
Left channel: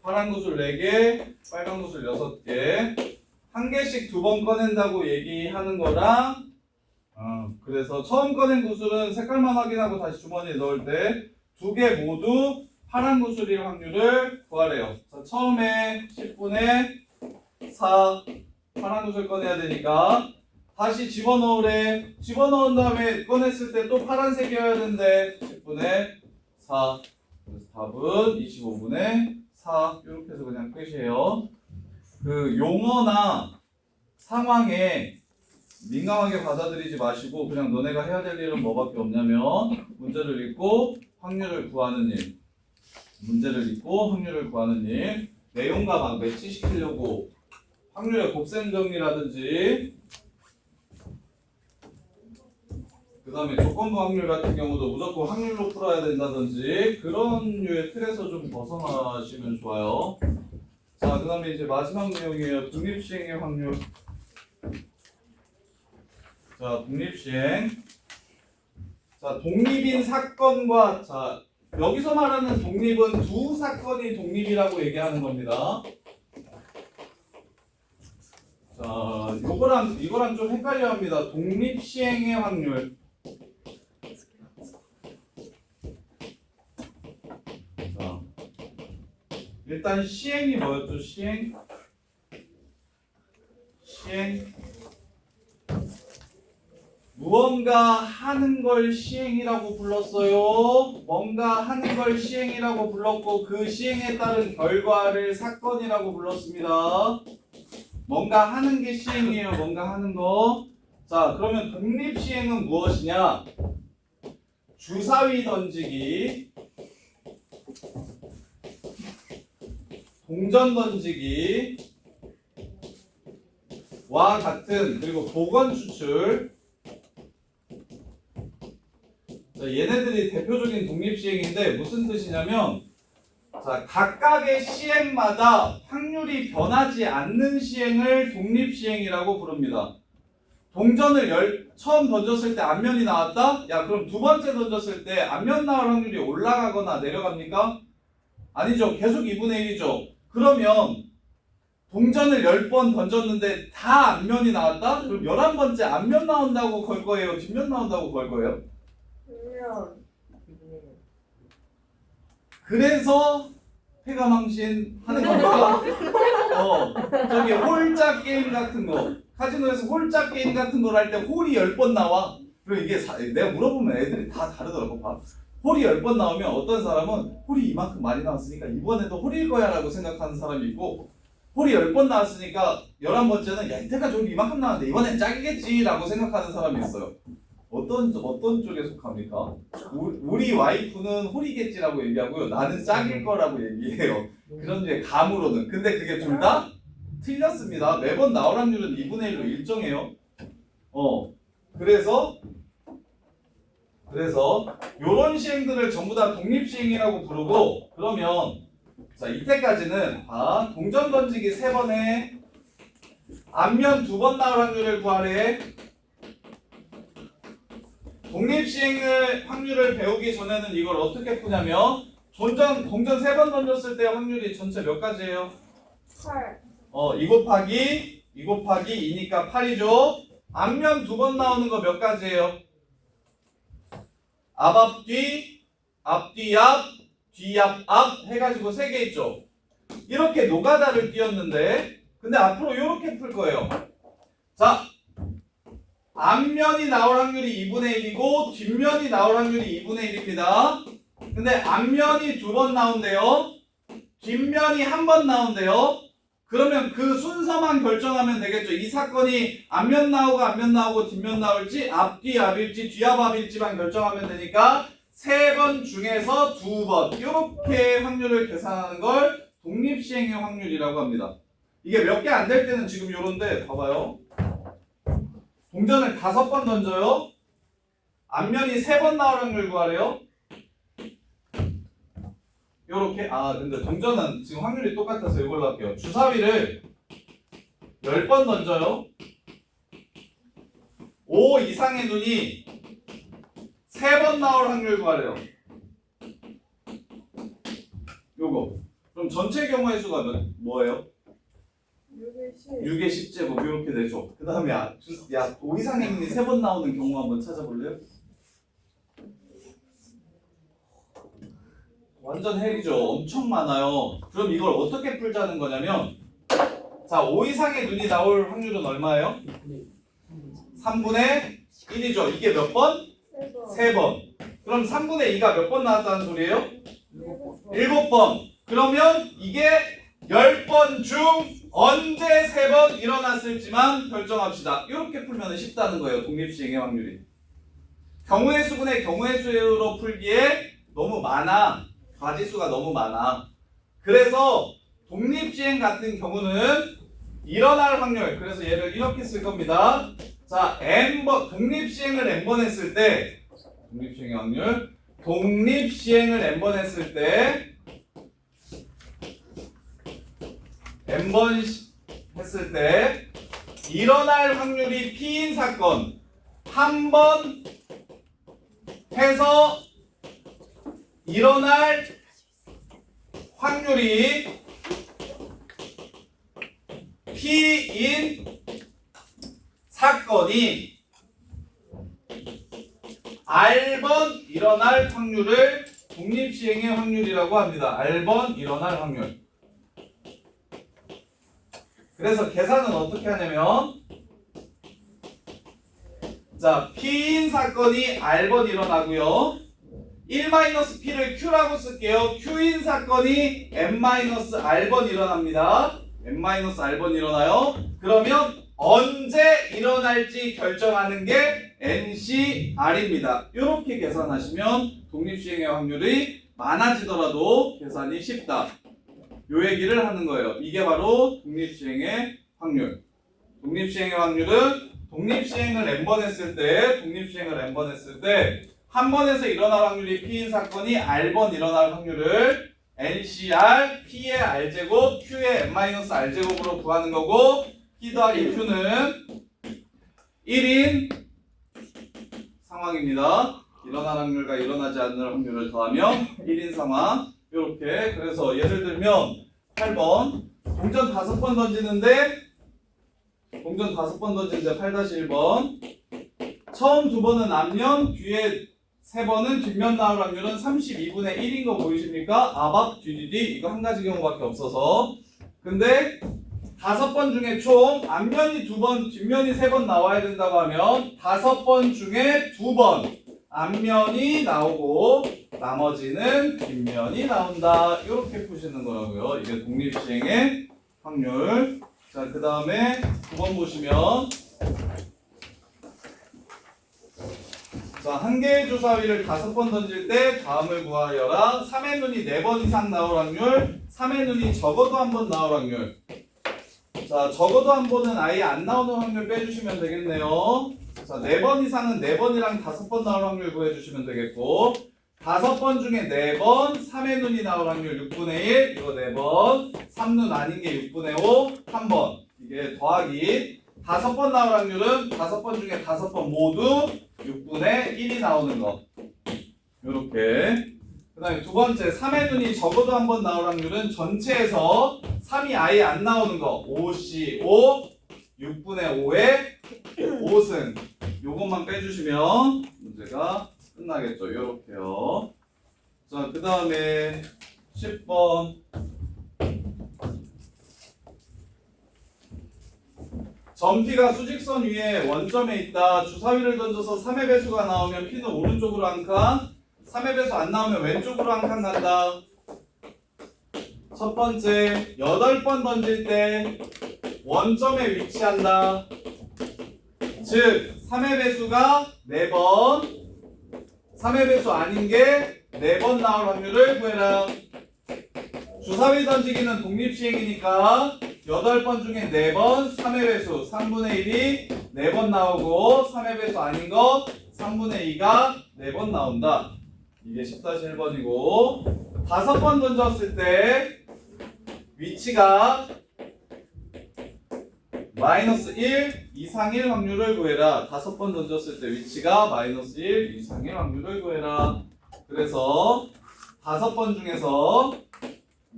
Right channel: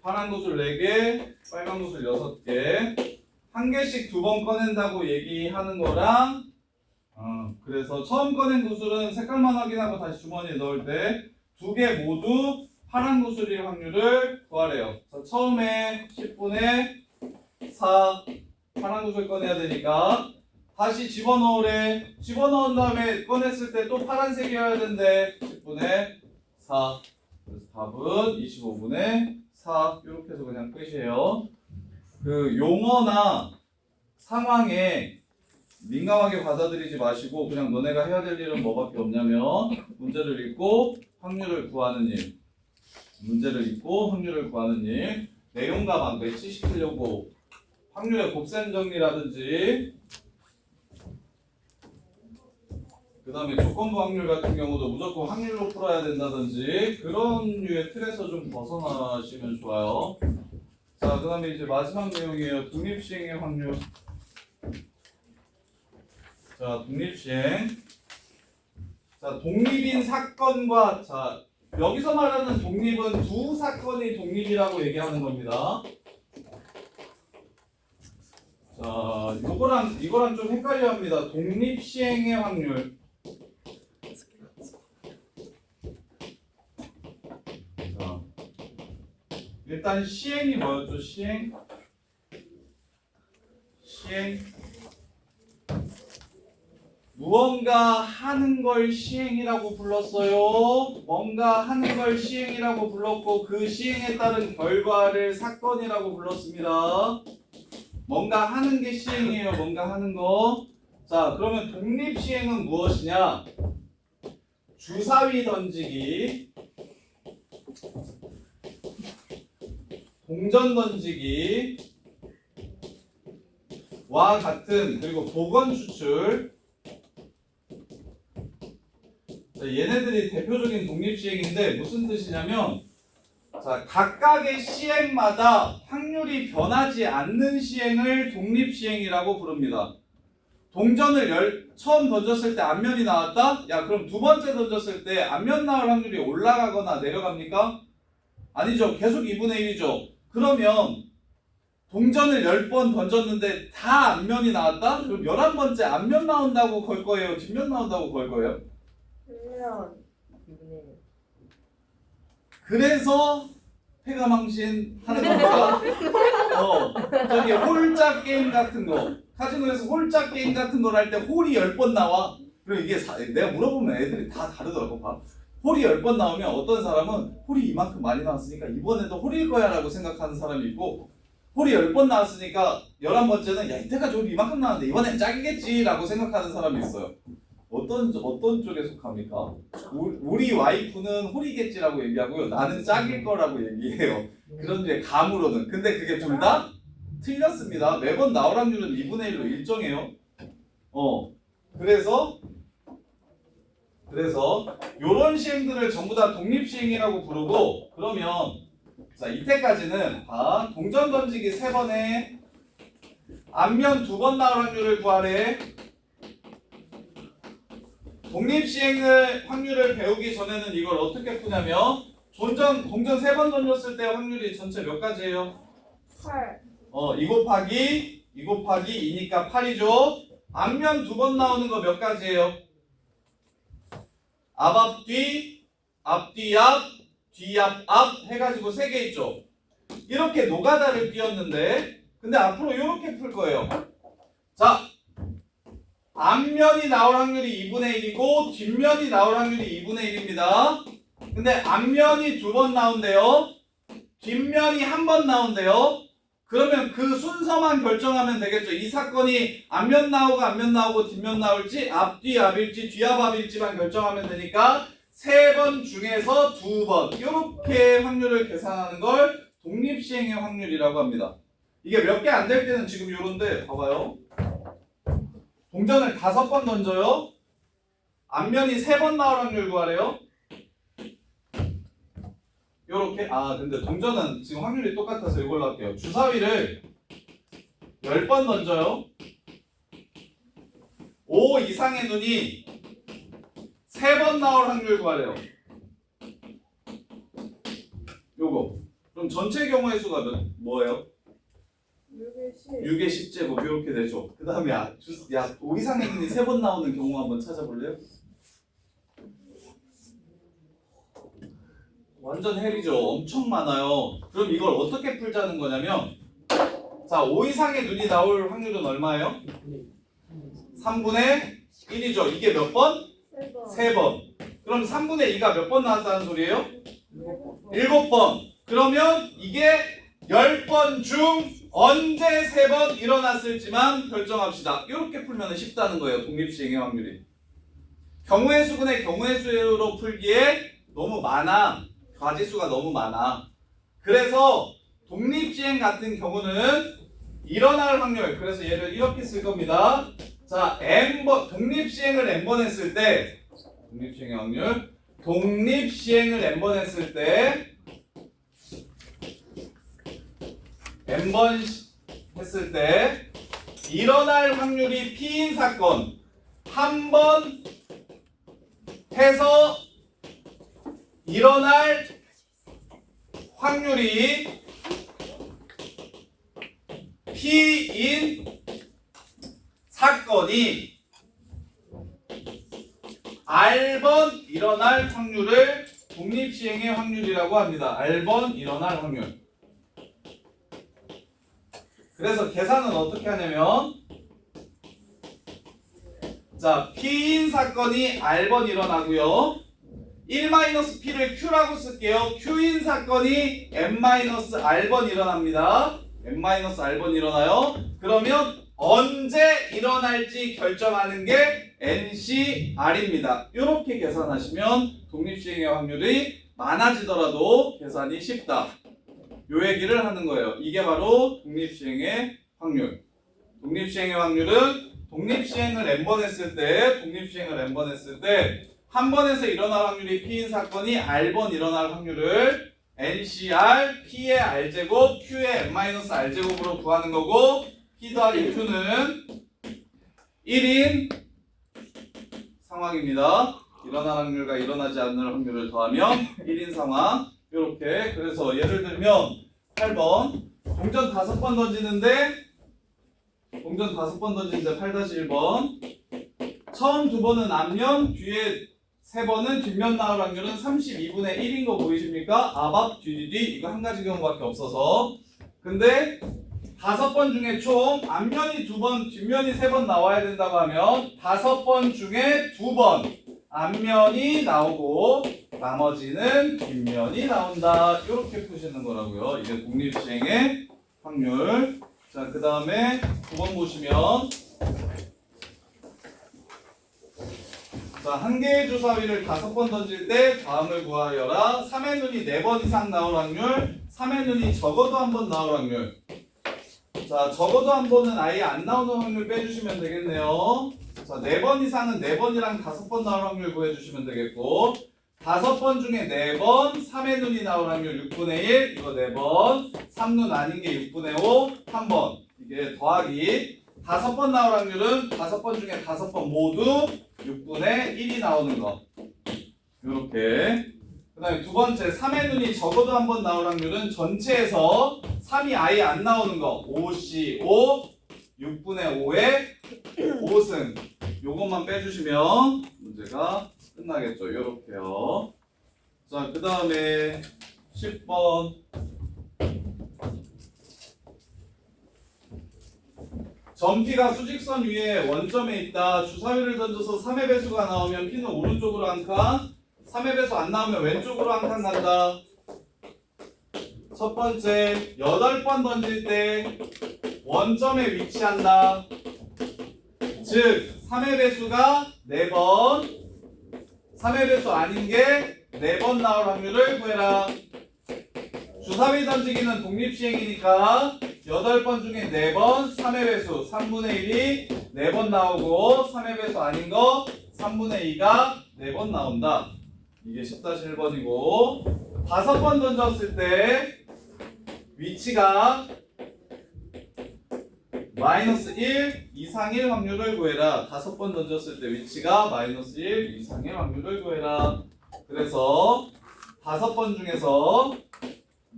파란 구슬 4개, 빨간 구슬 6개. 한 개씩 2번 꺼낸다고 얘기하는 거랑, 그래서 처음 꺼낸 구슬은 색깔만 확인하고 다시 주머니에 넣을 때 2개 모두 파란 구슬일 확률을 구하래요. 자, 처음에 10분의 4 파란 구슬 꺼내야 되니까 다시 집어넣으래. 집어넣은 다음에 꺼냈을 때 또 파란색이어야 된대. 10분의 4. 그래서 답은 25분의 4. 이렇게 해서 그냥 끝이에요. 그 용어나 상황에 민감하게 받아들이지 마시고 그냥 너네가 해야 될 일은 뭐밖에 없냐면 문제를 읽고 확률을 구하는 일. 문제를 읽고 확률을 구하는 일. 내용과 막 매치시키려고 확률의 곱셈 정리라든지 그 다음에 조건부 확률 같은 경우도 무조건 확률로 풀어야 된다든지 그런 류의 틀에서 좀 벗어나시면 좋아요. 자, 그 다음에 이제 마지막 내용이에요. 독립시행의 확률. 자, 독립시행. 자, 독립인 사건과 자 여기서 말하는 독립은 두 사건이 독립이라고 얘기하는 겁니다. 자, 이거랑 좀 헷갈려 합니다. 독립시행의 확률. 자, 일단 시행이 뭐였죠? 시행. 무언가 하는 걸 시행이라고 불렀어요. 뭔가 하는 걸 시행이라고 불렀고 그 시행에 따른 결과를 사건이라고 불렀습니다. 뭔가 하는 게 시행이에요. 뭔가 하는 거. 자, 그러면 독립시행은 무엇이냐? 주사위 던지기, 동전 던지기 와 같은 그리고 보건 추출. 자, 얘네들이 대표적인 독립시행인데 무슨 뜻이냐면 자, 각각의 시행마다 확률이 변하지 않는 시행을 독립시행이라고 부릅니다. 동전을 처음 던졌을 때 앞면이 나왔다? 야, 그럼 두 번째 던졌을 때 앞면 나올 확률이 올라가거나 내려갑니까? 아니죠. 계속 2분의 1이죠. 그러면 동전을 10번 던졌는데 다 앞면이 나왔다? 그럼 11번째 앞면 나온다고 걸 거예요? 뒷면 나온다고 걸 거예요? 그러면 그래서 패가망신 하는 겁니까? 저기 홀짝 게임 같은 거 카지노에서 홀짝 게임 같은 걸 할 때 홀이 10번 나와. 그리고 이게 내가 물어보면 애들이 다 다르더라고. 봐. 홀이 10번 나오면 어떤 사람은 홀이 이만큼 많이 나왔으니까 이번에도 홀일 거야 라고 생각하는 사람이 있고 홀이 10번 나왔으니까 11번째는 야 이때까지 홀이 이만큼 나왔는데 이번엔 짝이겠지 라고 생각하는 사람이 있어요. 어떤 쪽에 속합니까? 우리 와이프는 홀이겠지라고 얘기하고요. 나는 짝일 거라고 얘기해요. 그런 게 감으로는. 근데 그게 둘 다 틀렸습니다. 매번 나올 확률은 2분의 1로 일정해요. 그래서 요런 시행들을 전부 다 독립시행이라고 부르고 그러면 자 이때까지는 동전 던지기 3번에 앞면 2번 나올 확률을 구하래. 독립시행을 확률을 배우기 전에는 이걸 어떻게 푸냐면 동전 3번 던졌을 때 확률이 전체 몇 가지예요? 8. 2 곱하기 2니까 8이죠. 앞면 2번 나오는 거 몇 가지예요? 앞뒤, 앞뒤 앞, 뒤 앞 해가지고 3개 있죠. 이렇게 노가다를 띄웠는데 근데 앞으로 이렇게 풀 거예요. 자, 앞면이 나올 확률이 2분의 1이고 뒷면이 나올 확률이 2분의 1입니다. 근데 앞면이 2번 나온대요. 뒷면이 1번 나온대요. 그러면 그 순서만 결정하면 되겠죠. 이 사건이 앞면 나오고 뒷면 나올지 앞뒤 앞일지 뒤앞 앞일지만 결정하면 되니까 3번 중에서 2번 이렇게 확률을 계산하는 걸 독립시행의 확률이라고 합니다. 이게 몇 개 안 될 때는 지금 요런데 봐봐요. 동전을 5번 던져요. 앞면이 3번 나올 확률 구하래요. 요렇게 근데 동전은 지금 확률이 똑같아서 이걸로 할게요. 주사위를 10번 던져요. 5 이상의 눈이 3번 나올 확률 구하래요. 요거 그럼 전체 경우의 수가 뭐예요? 6의 10제곱 이렇게 되죠. 그 다음에 5 이상의 눈이 3번 나오는 경우 한번 찾아볼래요? 완전 헬이죠. 엄청 많아요. 그럼 이걸 어떻게 풀자는 거냐면 자, 5 이상의 눈이 나올 확률은 얼마예요? 3분의 1이죠. 이게 몇 번? 3번. 그럼 3분의 2가 몇 번 나왔다는 소리예요? 7번. 그러면 이게 10번 중 언제 3번 일어났을지만 결정합시다. 이렇게 풀면 쉽다는 거예요. 독립시행의 확률이. 경우의 수분의 경우의 수로 풀기에 너무 많아. 가지수가 너무 많아. 그래서 독립시행 같은 경우는 일어날 확률. 그래서 얘를 이렇게 쓸 겁니다. 자, n번 독립시행을 n번 했을 때 독립시행의 확률. 독립시행을 n번 했을 때 n번 했을 때 일어날 확률이 P인 사건 한 번 해서 일어날 확률이 P인 사건이 R번 일어날 확률을 독립시행의 확률이라고 합니다. R번 일어날 확률. 그래서 계산은 어떻게 하냐면 자, P인 사건이 R번 일어나고요. 1-P를 Q라고 쓸게요. Q인 사건이 N-R번 일어납니다. N-R번 일어나요. 그러면 언제 일어날지 결정하는 게 NCR입니다. 이렇게 계산하시면 독립시행의 확률이 많아지더라도 계산이 쉽다. 요 얘기를 하는 거예요. 이게 바로 독립시행의 확률. 독립시행의 확률은 독립시행을 n번 했을 때 한 번에서 일어날 확률이 P인 사건이 R번 일어날 확률을 NCR, P의 R제곱, Q의 N-R제곱으로 구하는 거고 P 더하기 Q는 1인 상황입니다. 일어날 확률과 일어나지 않는 확률을 더하면 1인 상황. 이렇게. 그래서 예를 들면 8번 동전 5번 던지는데 8-1번 처음 2번은 앞면, 뒤에 3번은 뒷면 나올 확률은 32분의 1인 거 보이십니까? 앞, 뒤 이거 한 가지 경우밖에 없어서. 근데 5번 중에 총 앞면이 2번, 뒷면이 3번 나와야 된다고 하면 5번 중에 2번 앞면이 나오고 나머지는 뒷면이 나온다. 이렇게 푸시는 거라고요. 이게 독립시행의 확률. 자, 그 다음에 9번 보시면 자, 한 개의 주사위를 5번 던질 때 다음을 구하여라. 3의 눈이 4번 이상 나올 확률, 3의 눈이 적어도 한 번 나올 확률. 자, 적어도 한 번은 아예 안 나오는 확률 빼주시면 되겠네요. 자, 4번 이상은 4번이랑 5번 나올 확률 구해주시면 되겠고 5번 중에 4번 3의 눈이 나올 확률 6분의 1 이거 4번 3눈 아닌 게 6분의 5 1번 이게 더하기 5번 나올 확률은 5번 중에 5번 모두 6분의 1이 나오는 거 요렇게. 그 다음에 두 번째 3의 눈이 적어도 한 번 나올 확률은 전체에서 3이 아예 안 나오는 거 5C5 6분의 5의 5승 요것만 빼주시면 문제가 끝나겠죠. 요렇게요. 자, 그 다음에 10번 점P가 수직선 위에 원점에 있다. 주사위를 던져서 3의 배수가 나오면 P는 오른쪽으로 한 칸, 3의 배수 안 나오면 왼쪽으로 한 칸 간다. 첫 번째 8번 던질 때 원점에 위치한다. 즉 3의 배수가 4번 3의 배수 아닌 게 4번 나올 확률을 구해라. 주사위 던지기는 독립시행이니까 8번 중에 4번 3의 배수 3분의 1이 4번 나오고 3의 배수 아닌 거 3분의 2가 4번 나온다. 이게 10-1번이고 5번 던졌을 때 위치가 -1 이상일 확률을 구해라. 5번 던졌을 때 위치가 -1 이상일 확률을 구해라. 그래서 5번 중에서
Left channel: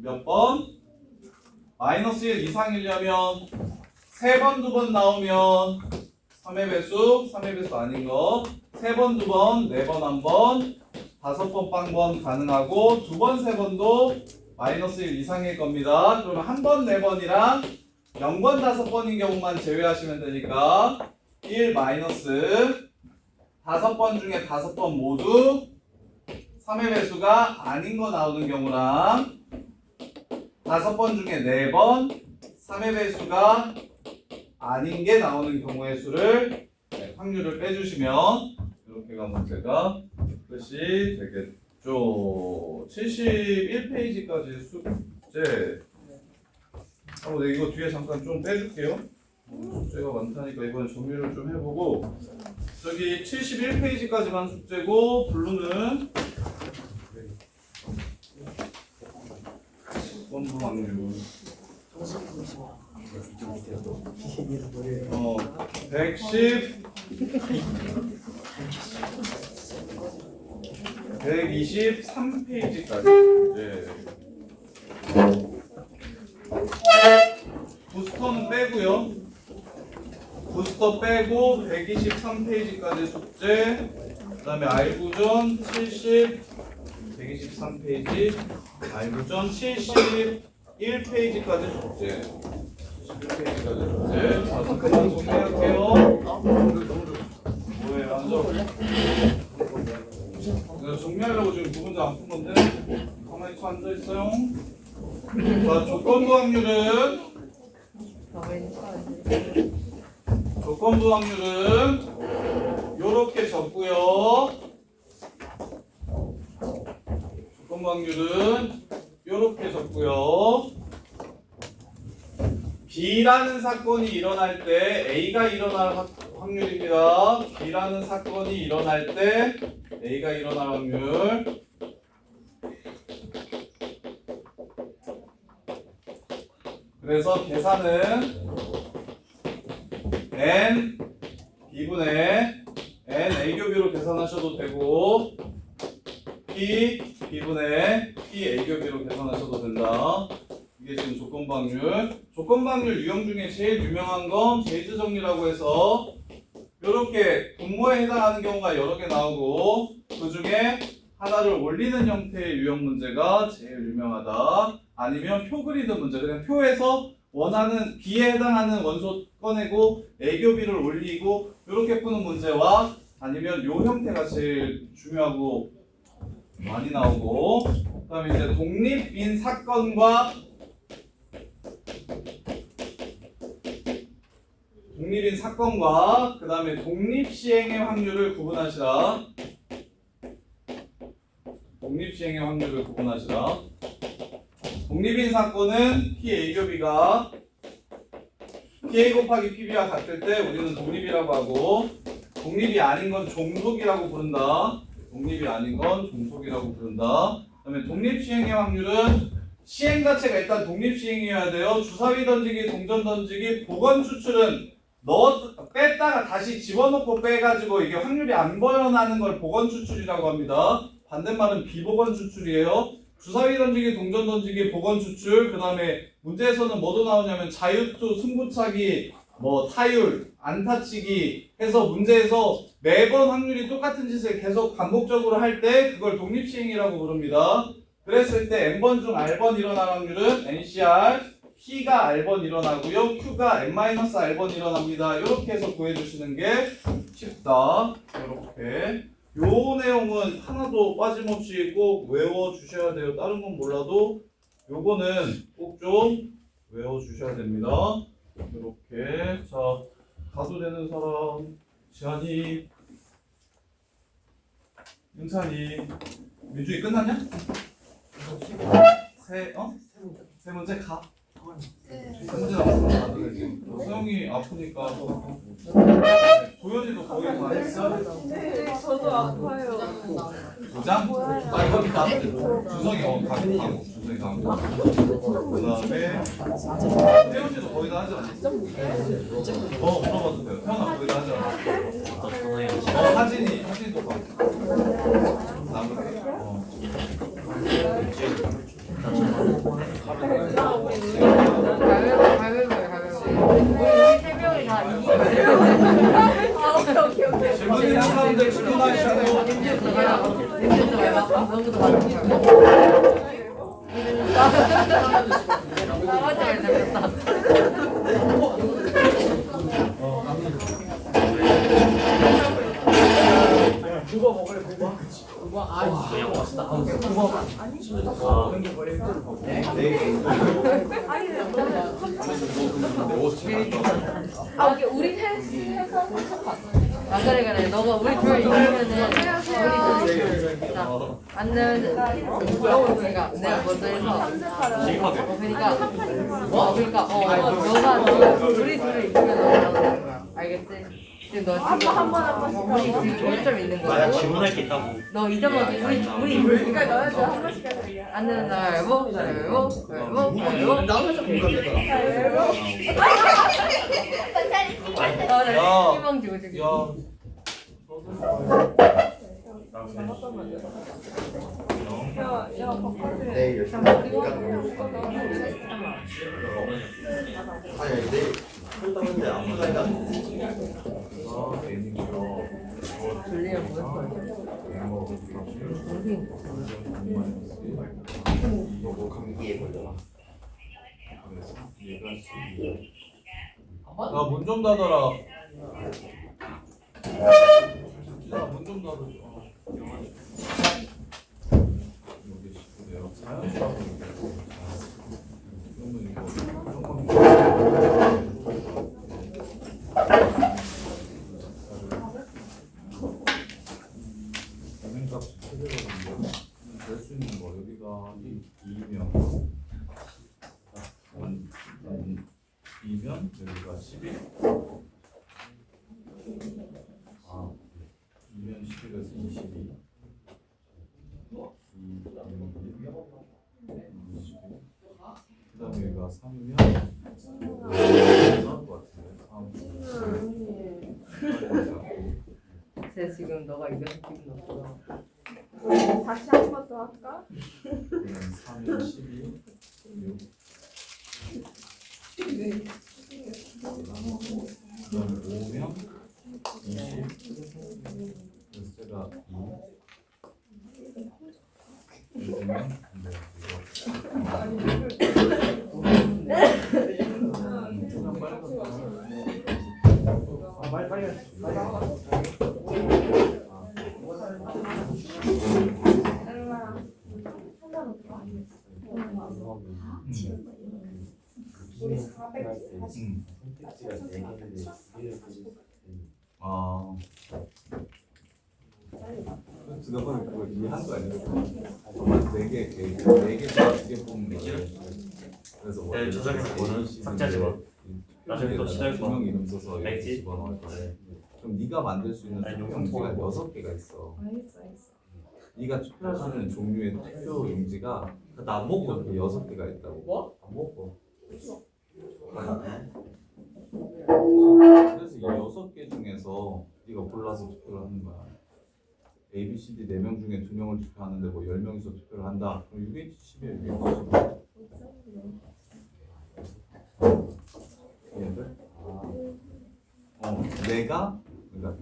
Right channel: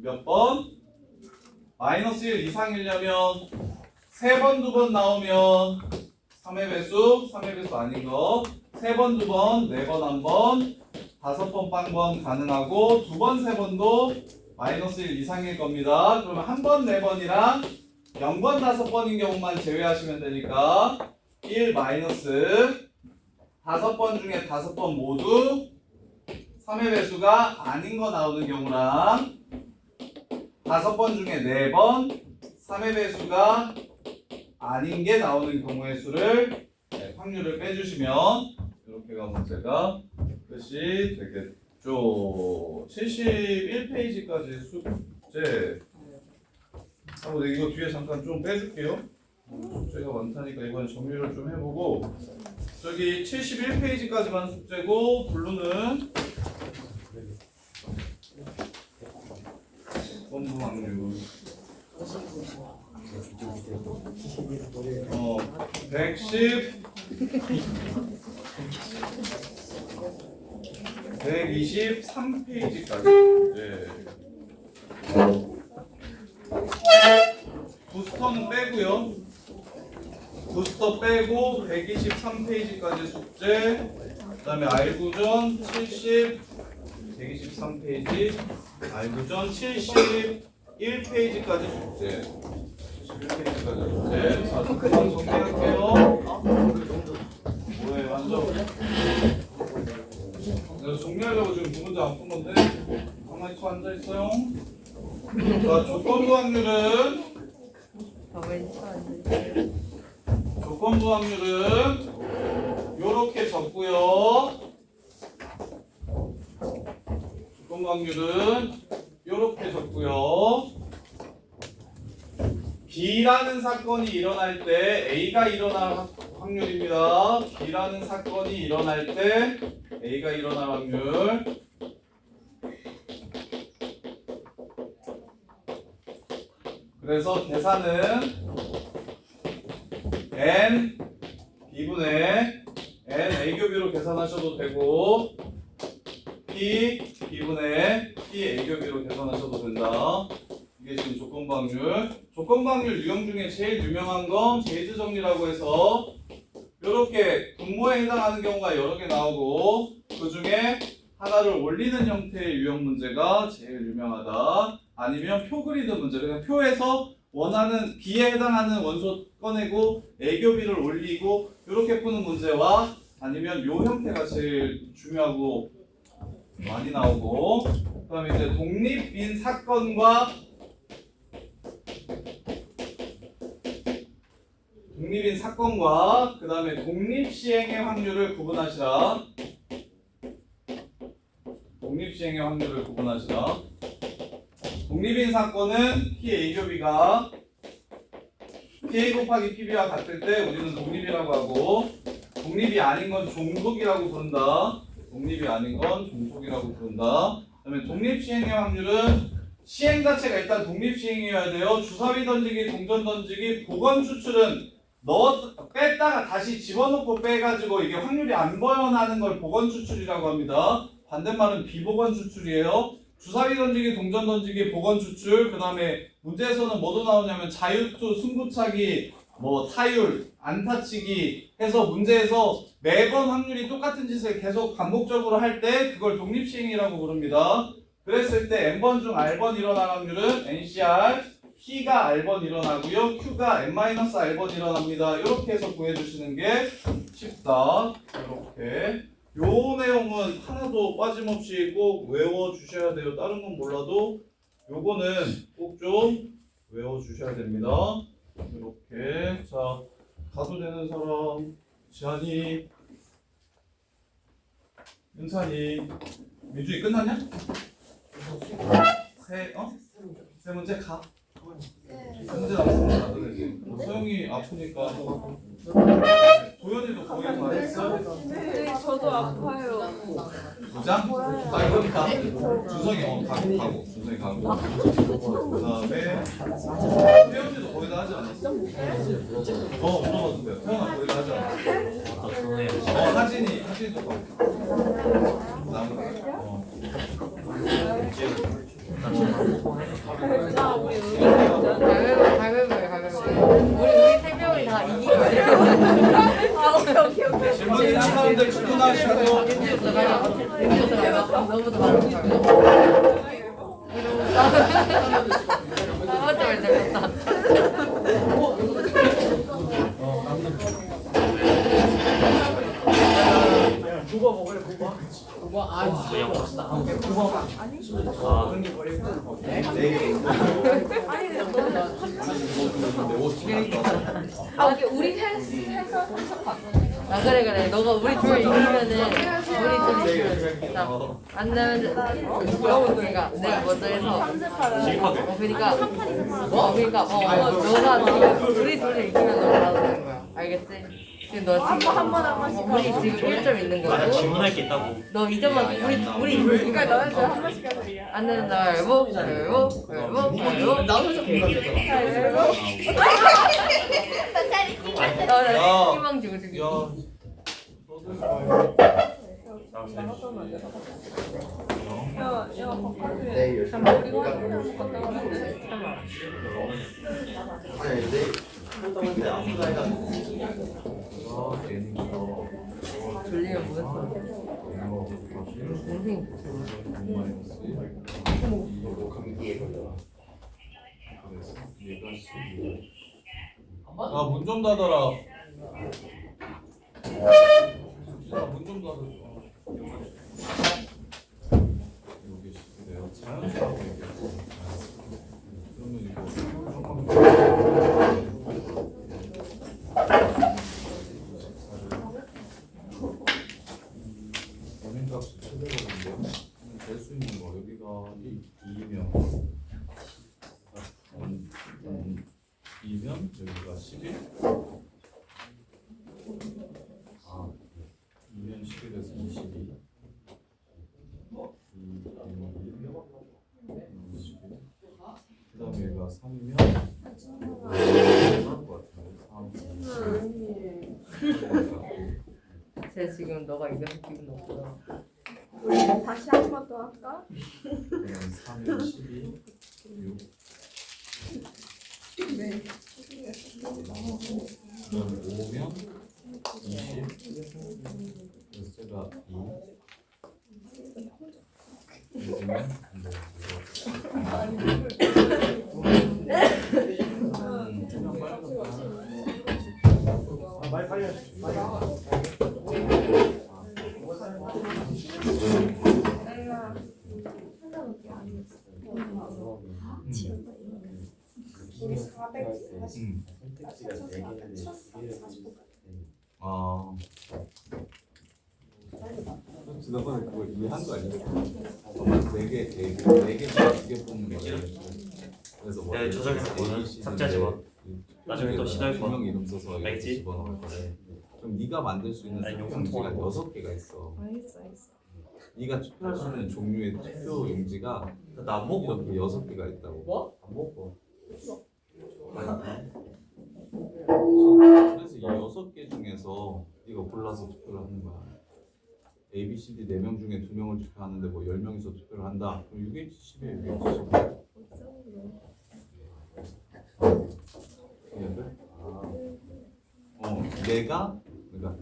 몇 번? -1 이상이려면 3번, 2번 나오면 3의 배수 아닌 거 3번, 2번, 4번, 1번 5번, 빵번 가능하고 2번, 3번도 -1 이상일 겁니다. 그러면 1번, 4번이랑 0번, 5번인 경우만 제외하시면 되니까 1 마이너스 5번 중에 5번 모두 3의 배수가 아닌 거 나오는 경우랑 5번 중에 4번 3의 배수가 아닌 게 나오는 경우의 수를 확률을 빼주시면 이렇게가 문제가 끝이 되겠죠. 71페이지까지 숙제 하고 네, 이거 뒤에 잠깐 좀 빼줄게요. 숙제가 많다니까 이번 정리를 좀 해보고 저기 71페이지까지만 숙제고 블루는 원부 확률 110 123페이지까지 부스터는 빼고요. 부스터 빼고 123페이지까지 숙제. 그다음에 알구전 70 123페이지 알구전 71페이지까지 숙제. 71페이지까지 숙제. 자, 그만 정리할게요. 뭐해 앉아. 내가 정리하려고 지금 부분자 안 푼 건데 가만히 쳐 앉아 있어요. 자, 조건부 확률은 요렇게 적고요. 조건부 확률은 요렇게 적고요. B라는 사건이 일어날 때 A가 일어날 확률입니다. B라는 사건이 일어날 때 A가 일어날 확률. 그래서 계산은 N B분의 N A교비로 계산하셔도 되고 P B분의 P A교비로 계산하셔도 된다. 이게 지금 조건부 확률. 조건부 확률 유형 중에 제일 유명한 건 제이즈 정리라고 해서 이렇게 분모에 해당하는 경우가 여러 개 나오고 그 중에 하나를 올리는 형태의 유형 문제가 제일 유명하다. 아니면 표 그리는 문제. 그냥 표에서 원하는 B에 해당하는 원소 꺼내고 A교비를 올리고 이렇게 푸는 문제와 아니면 요 형태가 제일 중요하고 많이 나오고 그다음에 이제 독립인 사건과 그다음에 독립시행의 확률을 구분하시라. 독립인 사건은 PA교비가 PA 곱하기 PB와 같을 때 우리는 독립이라고 하고 독립이 아닌 건 종속이라고 부른다. 그다음에 독립시행의 확률은 시행 자체가 일단 독립시행이어야 돼요. 주사위 던지기, 동전 던지기, 보건 추출은 뺐다가 다시 집어넣고 빼가지고 이게 확률이 안 벌어나는 걸 보건 추출이라고 합니다. 반대말은 비보건 추출이에요. 주사위 던지기, 동전 던지기, 보건 추출. 그 다음에 문제에서는 뭐도 나오냐면 자유투, 승부차기, 뭐 타율, 안타치기 해서 문제에서 매번 확률이 똑같은 짓을 계속 반복적으로 할 때 그걸 독립시행이라고 부릅니다. 그랬을 때 N번 중 R번 일어날 확률은 NCR, P가 R번 일어나고요. Q가 N-R번 일어납니다. 이렇게 해서 구해주시는 게 쉽다. 이렇게. 요 내용은 하나도 빠짐없이 꼭 외워주셔야 돼요. 다른 건 몰라도 요거는 꼭 좀 외워주셔야 됩니다. 이렇게. 자, 가도 되는 사람. 지한이, 윤찬이, 민준이 끝났냐? 세 문제 가. 세 문제 남았으면 가도 되지. 소영이 아프니까 도현이도 거의 다 했어? 네, 저도 아파요. 도장? 나 이거 있다. 준성이 가고. 준성이 가고. 그 다음에 태연이도 거의 다 하지 않았어? 물어봐도 돼요. 태연아 거의 다 하지 않았어? 하진이도 가고. 나머지. 우리 세 명이 다 이기고 질문 있는 사람들 질문하시고. 너무 더 많아. 아, 우리 해서 아 그래 너가 우리 둘 이기면은 우리 둘 이기면 안 되면 그러니까 내가 먼저 해서 너가 우리 둘 이기면 너가 나오는 거야 알겠지? 지금 너 지금 우리 지금 1점 있는 거고 질문할 게 있다고. 너 2점만 우리 그러니까 너는 한 번씩 하는 거야. 안 되는 날 알고 나도 해서 희망 주고 주기 졸리면 뭐였어? 동생 문 좀 닫아라. 문 좀 닫아줘. 여기 19네요. 자연스러워. 그러면 이거 원인값 최대거든요. 될 수 있는 거 여기가 2면 2면 여기가 11. 2면 11에서 22. 2, 그다음에 여기가 3이면 나올 것 같은데. 3. 쟤 지금 너가 이겨서 기분 나쁘다 다시 한 번 더 할까? 3면 12. 6. 네. 그다음에 5면 20. 그래서 제가 2. 이제는 우리 440. 아. 너는 그거 이해한 거 아니야? 4개, 4개 뽑는 거예요. 그래서 뭐 네, 저장해서 뭐는 삭제하지 마. 나중에 또 시도해서 두명 이름 써서 이렇게 알겠지? 집어넣을 거래. 그럼 네가 만들 수 있는 아니, 투표 용품 용지가 통합. 6개가 있어. 알겠어. 네가 투표할 수 있는 종류의 투표 용지가 나안 먹고 이렇게 6개가 있다고. 뭐? 안 먹고. 그래서 이 6개 중에서 네가 골라서 투표를 하는 거야. A, B, C, D 4명 중에 2명을 투표하는데 뭐 10명이서 투표를 한다. 그럼 6H10이야, 6H10. 얘들? 내가 그러니까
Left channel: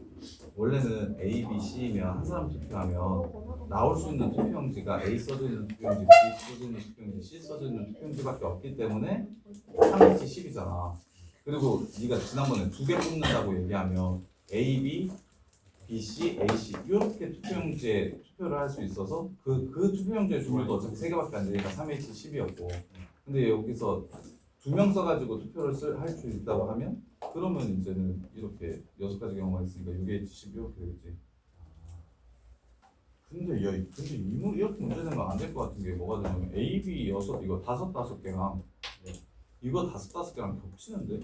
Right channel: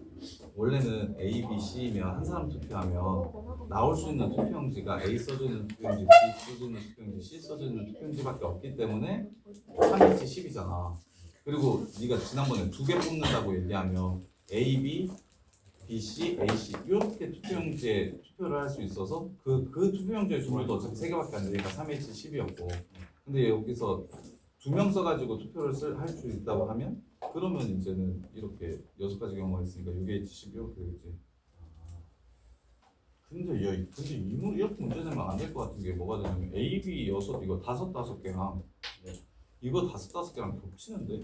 원래는 A, B, C면 한 사람 투표하면 나올 수 있는 투표용지가 A 써져 있는 투표용지, B 써져 있는 투표용지, C 써져 있는 투표용지밖에 없기 때문에 3H 10이잖아. 그리고 네가 지난번에 2개 뽑는다고 얘기하면 A, B, B, C, A, C 이렇게 투표용지에 투표를 할 수 있어서 그 투표용지의 수도 어차피 3개밖에 안 되니까 3H 10이었고 근데 여기서 2명 써가지고 투표를 할 수 있다고 하면 그러면 이제는 이렇게 6가지 경우가 있으니까 6H 10 이렇게 되겠지. 근데 이렇게 문제 내면 안 될 것 같은 게 뭐가 되냐면 A, B 6 이거 5개랑 이거 5개랑 겹치는데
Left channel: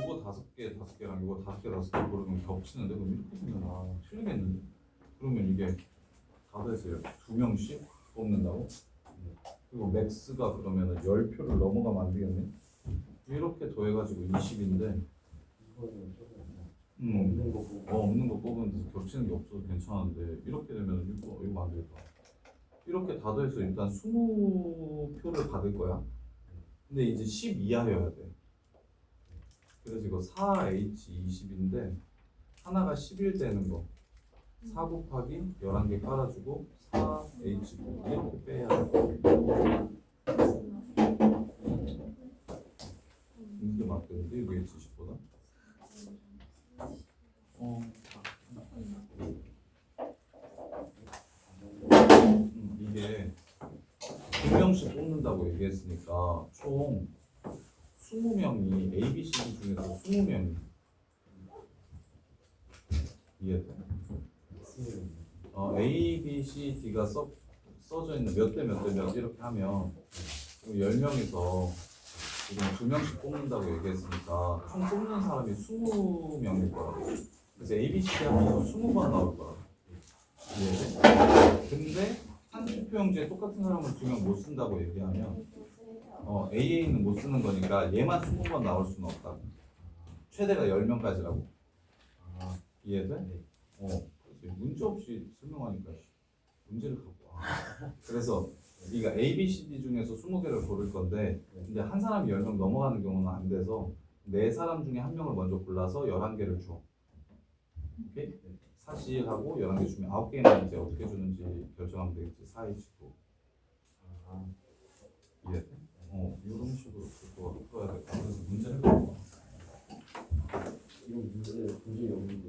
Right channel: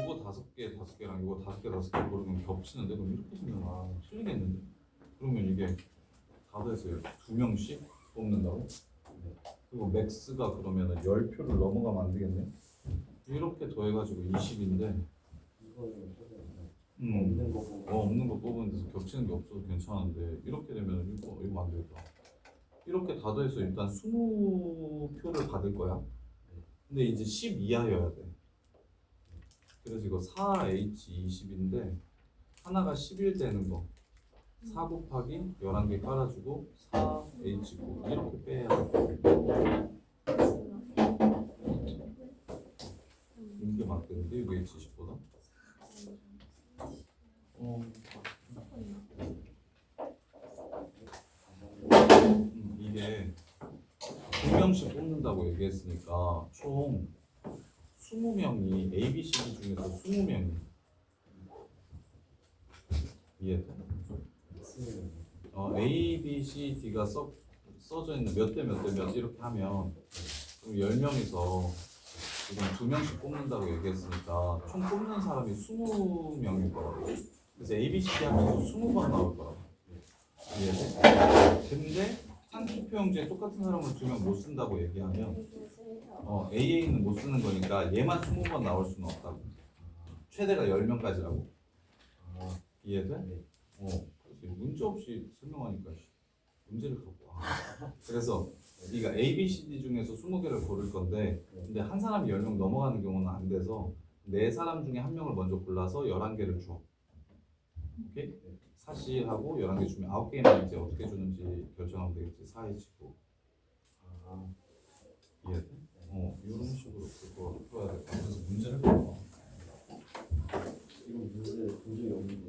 요거 5개랑 이거 5개 고르면 겹치는데 그럼 이렇게 되면 틀리겠는데 그러면 이게 다 돼서요 2명씩 뽑는다고? 그리고 맥스가 그러면은 10표를 넘어가면 안 되겠네. 이렇게 더해가지고 20인데 없는 거 뽑으면 겹치는 게 없어서 괜찮은데 이렇게 되면 이거 안 되겠다. 이렇게 다 더해서 일단 20표를 받을 거야. 근데 이제 10 이하여야 돼. 그래서 이거 4H20인데 하나가 11 되는 거 4 곱하기 11개 깔아주고 4H9 이렇게 빼야 돼. 이게 맞겠는데 이거 H20보다? 얘기했으니까 총 20명이 A, B, C, D 중에서 20명이 이해돼? A, B, C, D가 써져 있는 몇 대 몇 대 몇 이렇게 하면 10명이서 지금 2명씩 뽑는다고 얘기했으니까 총 뽑는 사람이 20명일 거라고. 그래서 A, B, C, D 합쳐서 20번 나올 거라고. 이해돼? 근데 한 투표용지에 똑같은 사람을 2명 못 쓴다고 얘기하면 AA는 못 쓰는 거니까 얘만 20번 나올 수는 없다고. 최대가 10명까지라고. 이해돼? 그래서 문제 없이 설명하니까 문제를 갖고 와. 그래서 네가 A, B, C, D 중에서 20개를 고를 건데 근데 한 사람이 10명 넘어가는 경우는 안 돼서 4사람 중에 1명을 먼저 골라서 11개를 줘. 오케이? 사실하고 11개 주면 9개는 이제 어떻게 주는지 결정하면 되겠지. 4에 치고. 이해돼? 이런 식으로 그거 풀어야 돼. 그래서 문제를 갖고 와. 이거 문제 본적이 없는데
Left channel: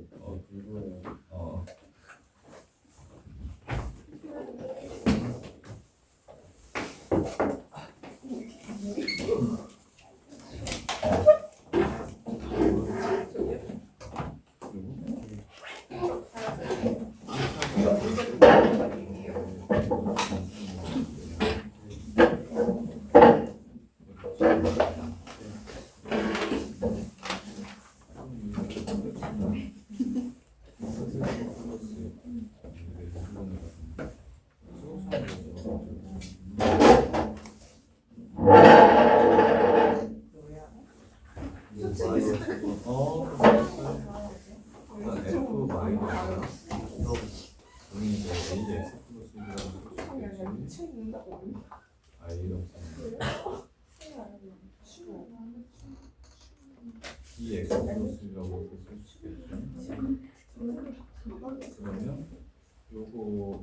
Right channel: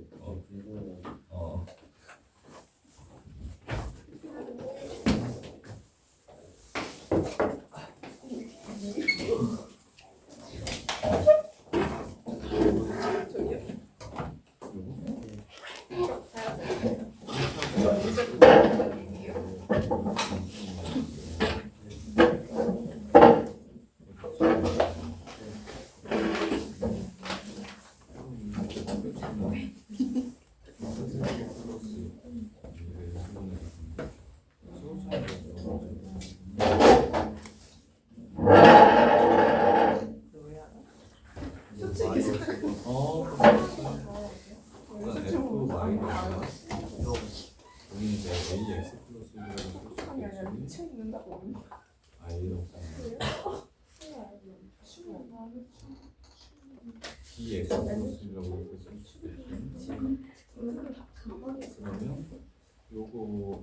이거는 일단 F 마이너스야. 여기 이제 AX 플러스 1이라고 쓸수 있겠지. A라고 써있네. BX 플러스 1이라고 이렇게 쓸수 있겠지. 그러면 요거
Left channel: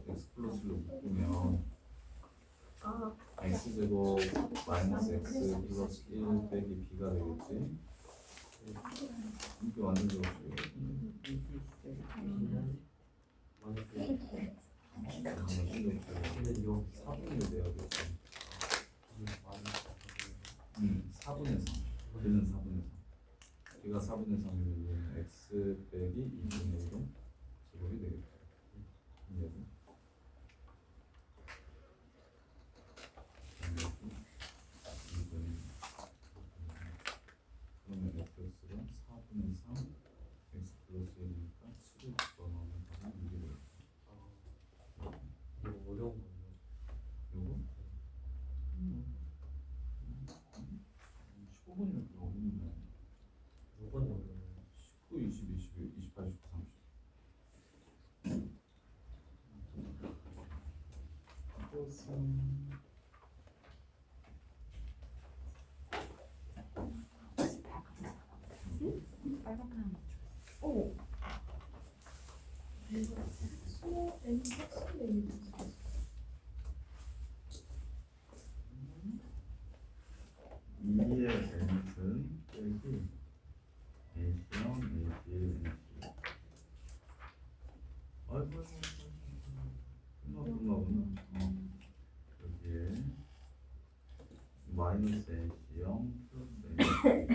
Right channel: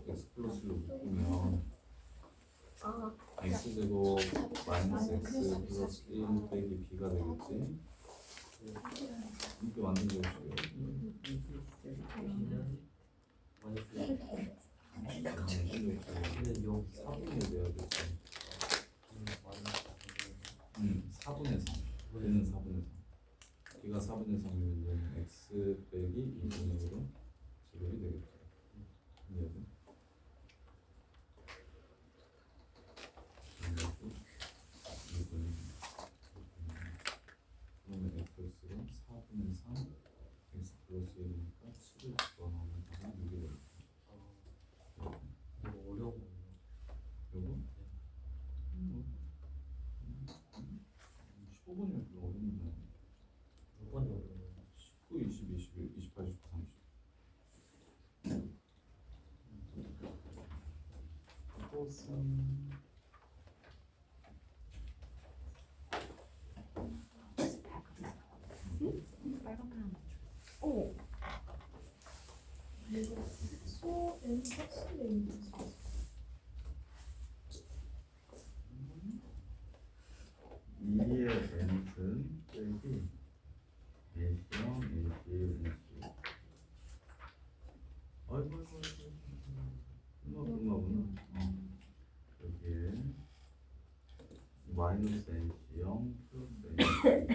X 플러스로 묶으면 X제곱 마이너스 X 플러스 1 빼기 B가 되겠지. 이게 완전 좋으시고요. 근데 요 4분의 내야겠지. 4분의 3. 얘는 4분의 3. B가 4분의 3이면 X 빼기 2분의 1은 제곱이 되겠죠. 이해돼? 그러면 fx가 4분의 3 x 플러스 1이니까 7을 집어넣으면 답은 6이 되겠다. 이거 어려운 거예요. 요거? 15분이면 그거 어렵네. 이건 어려워요. 19, 20, 21, 28, 29, 30. 이것은 이의 n은 빼기 A형, A의 n. 아이고 끝나구나. 여기에 마이너스 NC0 플러스 NC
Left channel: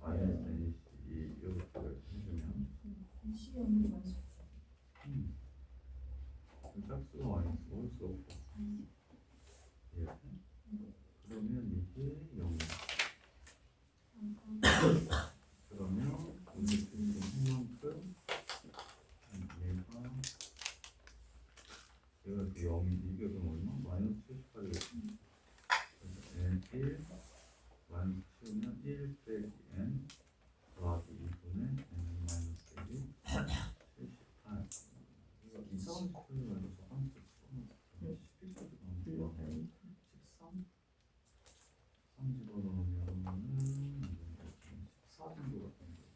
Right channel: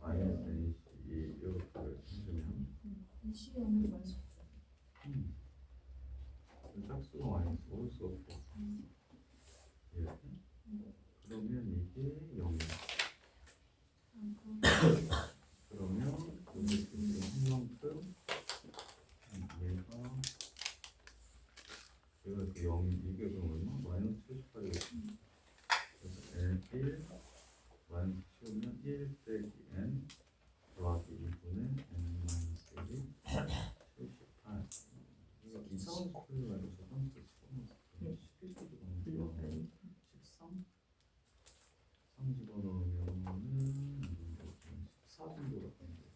마이너스 NC 이렇게 해주면 짝수가 마이너스 올 수 없고 그러면 이게 0이야. 그러면 이제 한 만큼 얘가 그 0이 이게 그럼 얼마? 마이너스 78이겠지. 그래서 N1 마이너스 치우면 1 빼기 N 더하기 2분의 N 마이너스 1이 78. 이거 2차원식 풀리가 아니고 저항식 풀리면 11쪽이 나오는 13? 3 집어넣으면은 14 정도가 되는 거예요.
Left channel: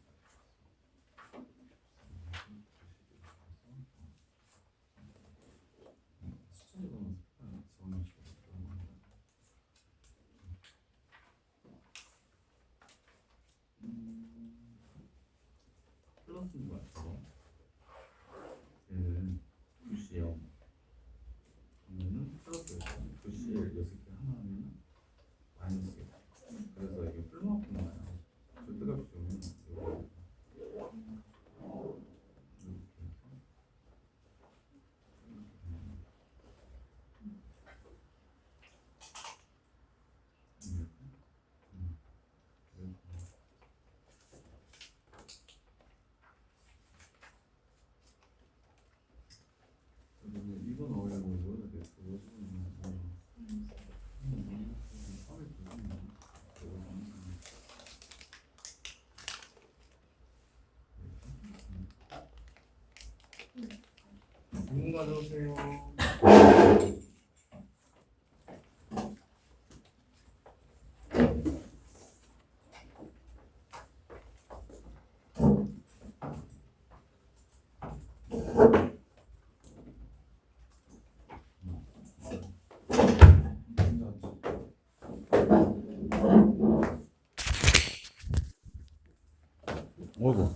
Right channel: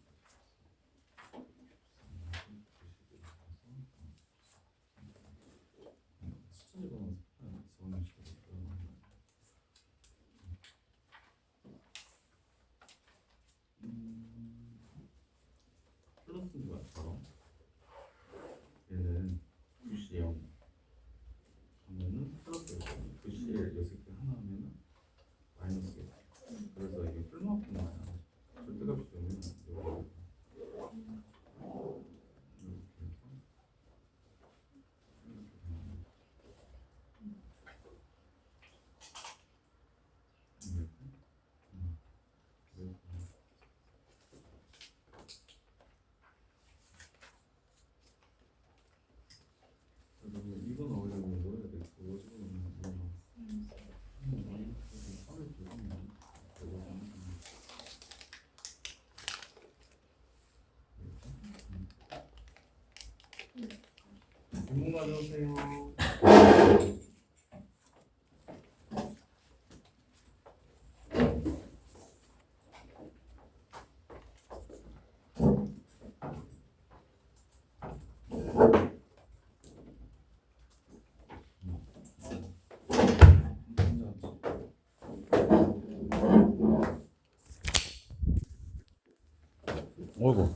플러스인 거야, 바로. 얘는 9C0 그러면은 플러스 9C1 6개 하나 하면은 가져오세요. 어이구.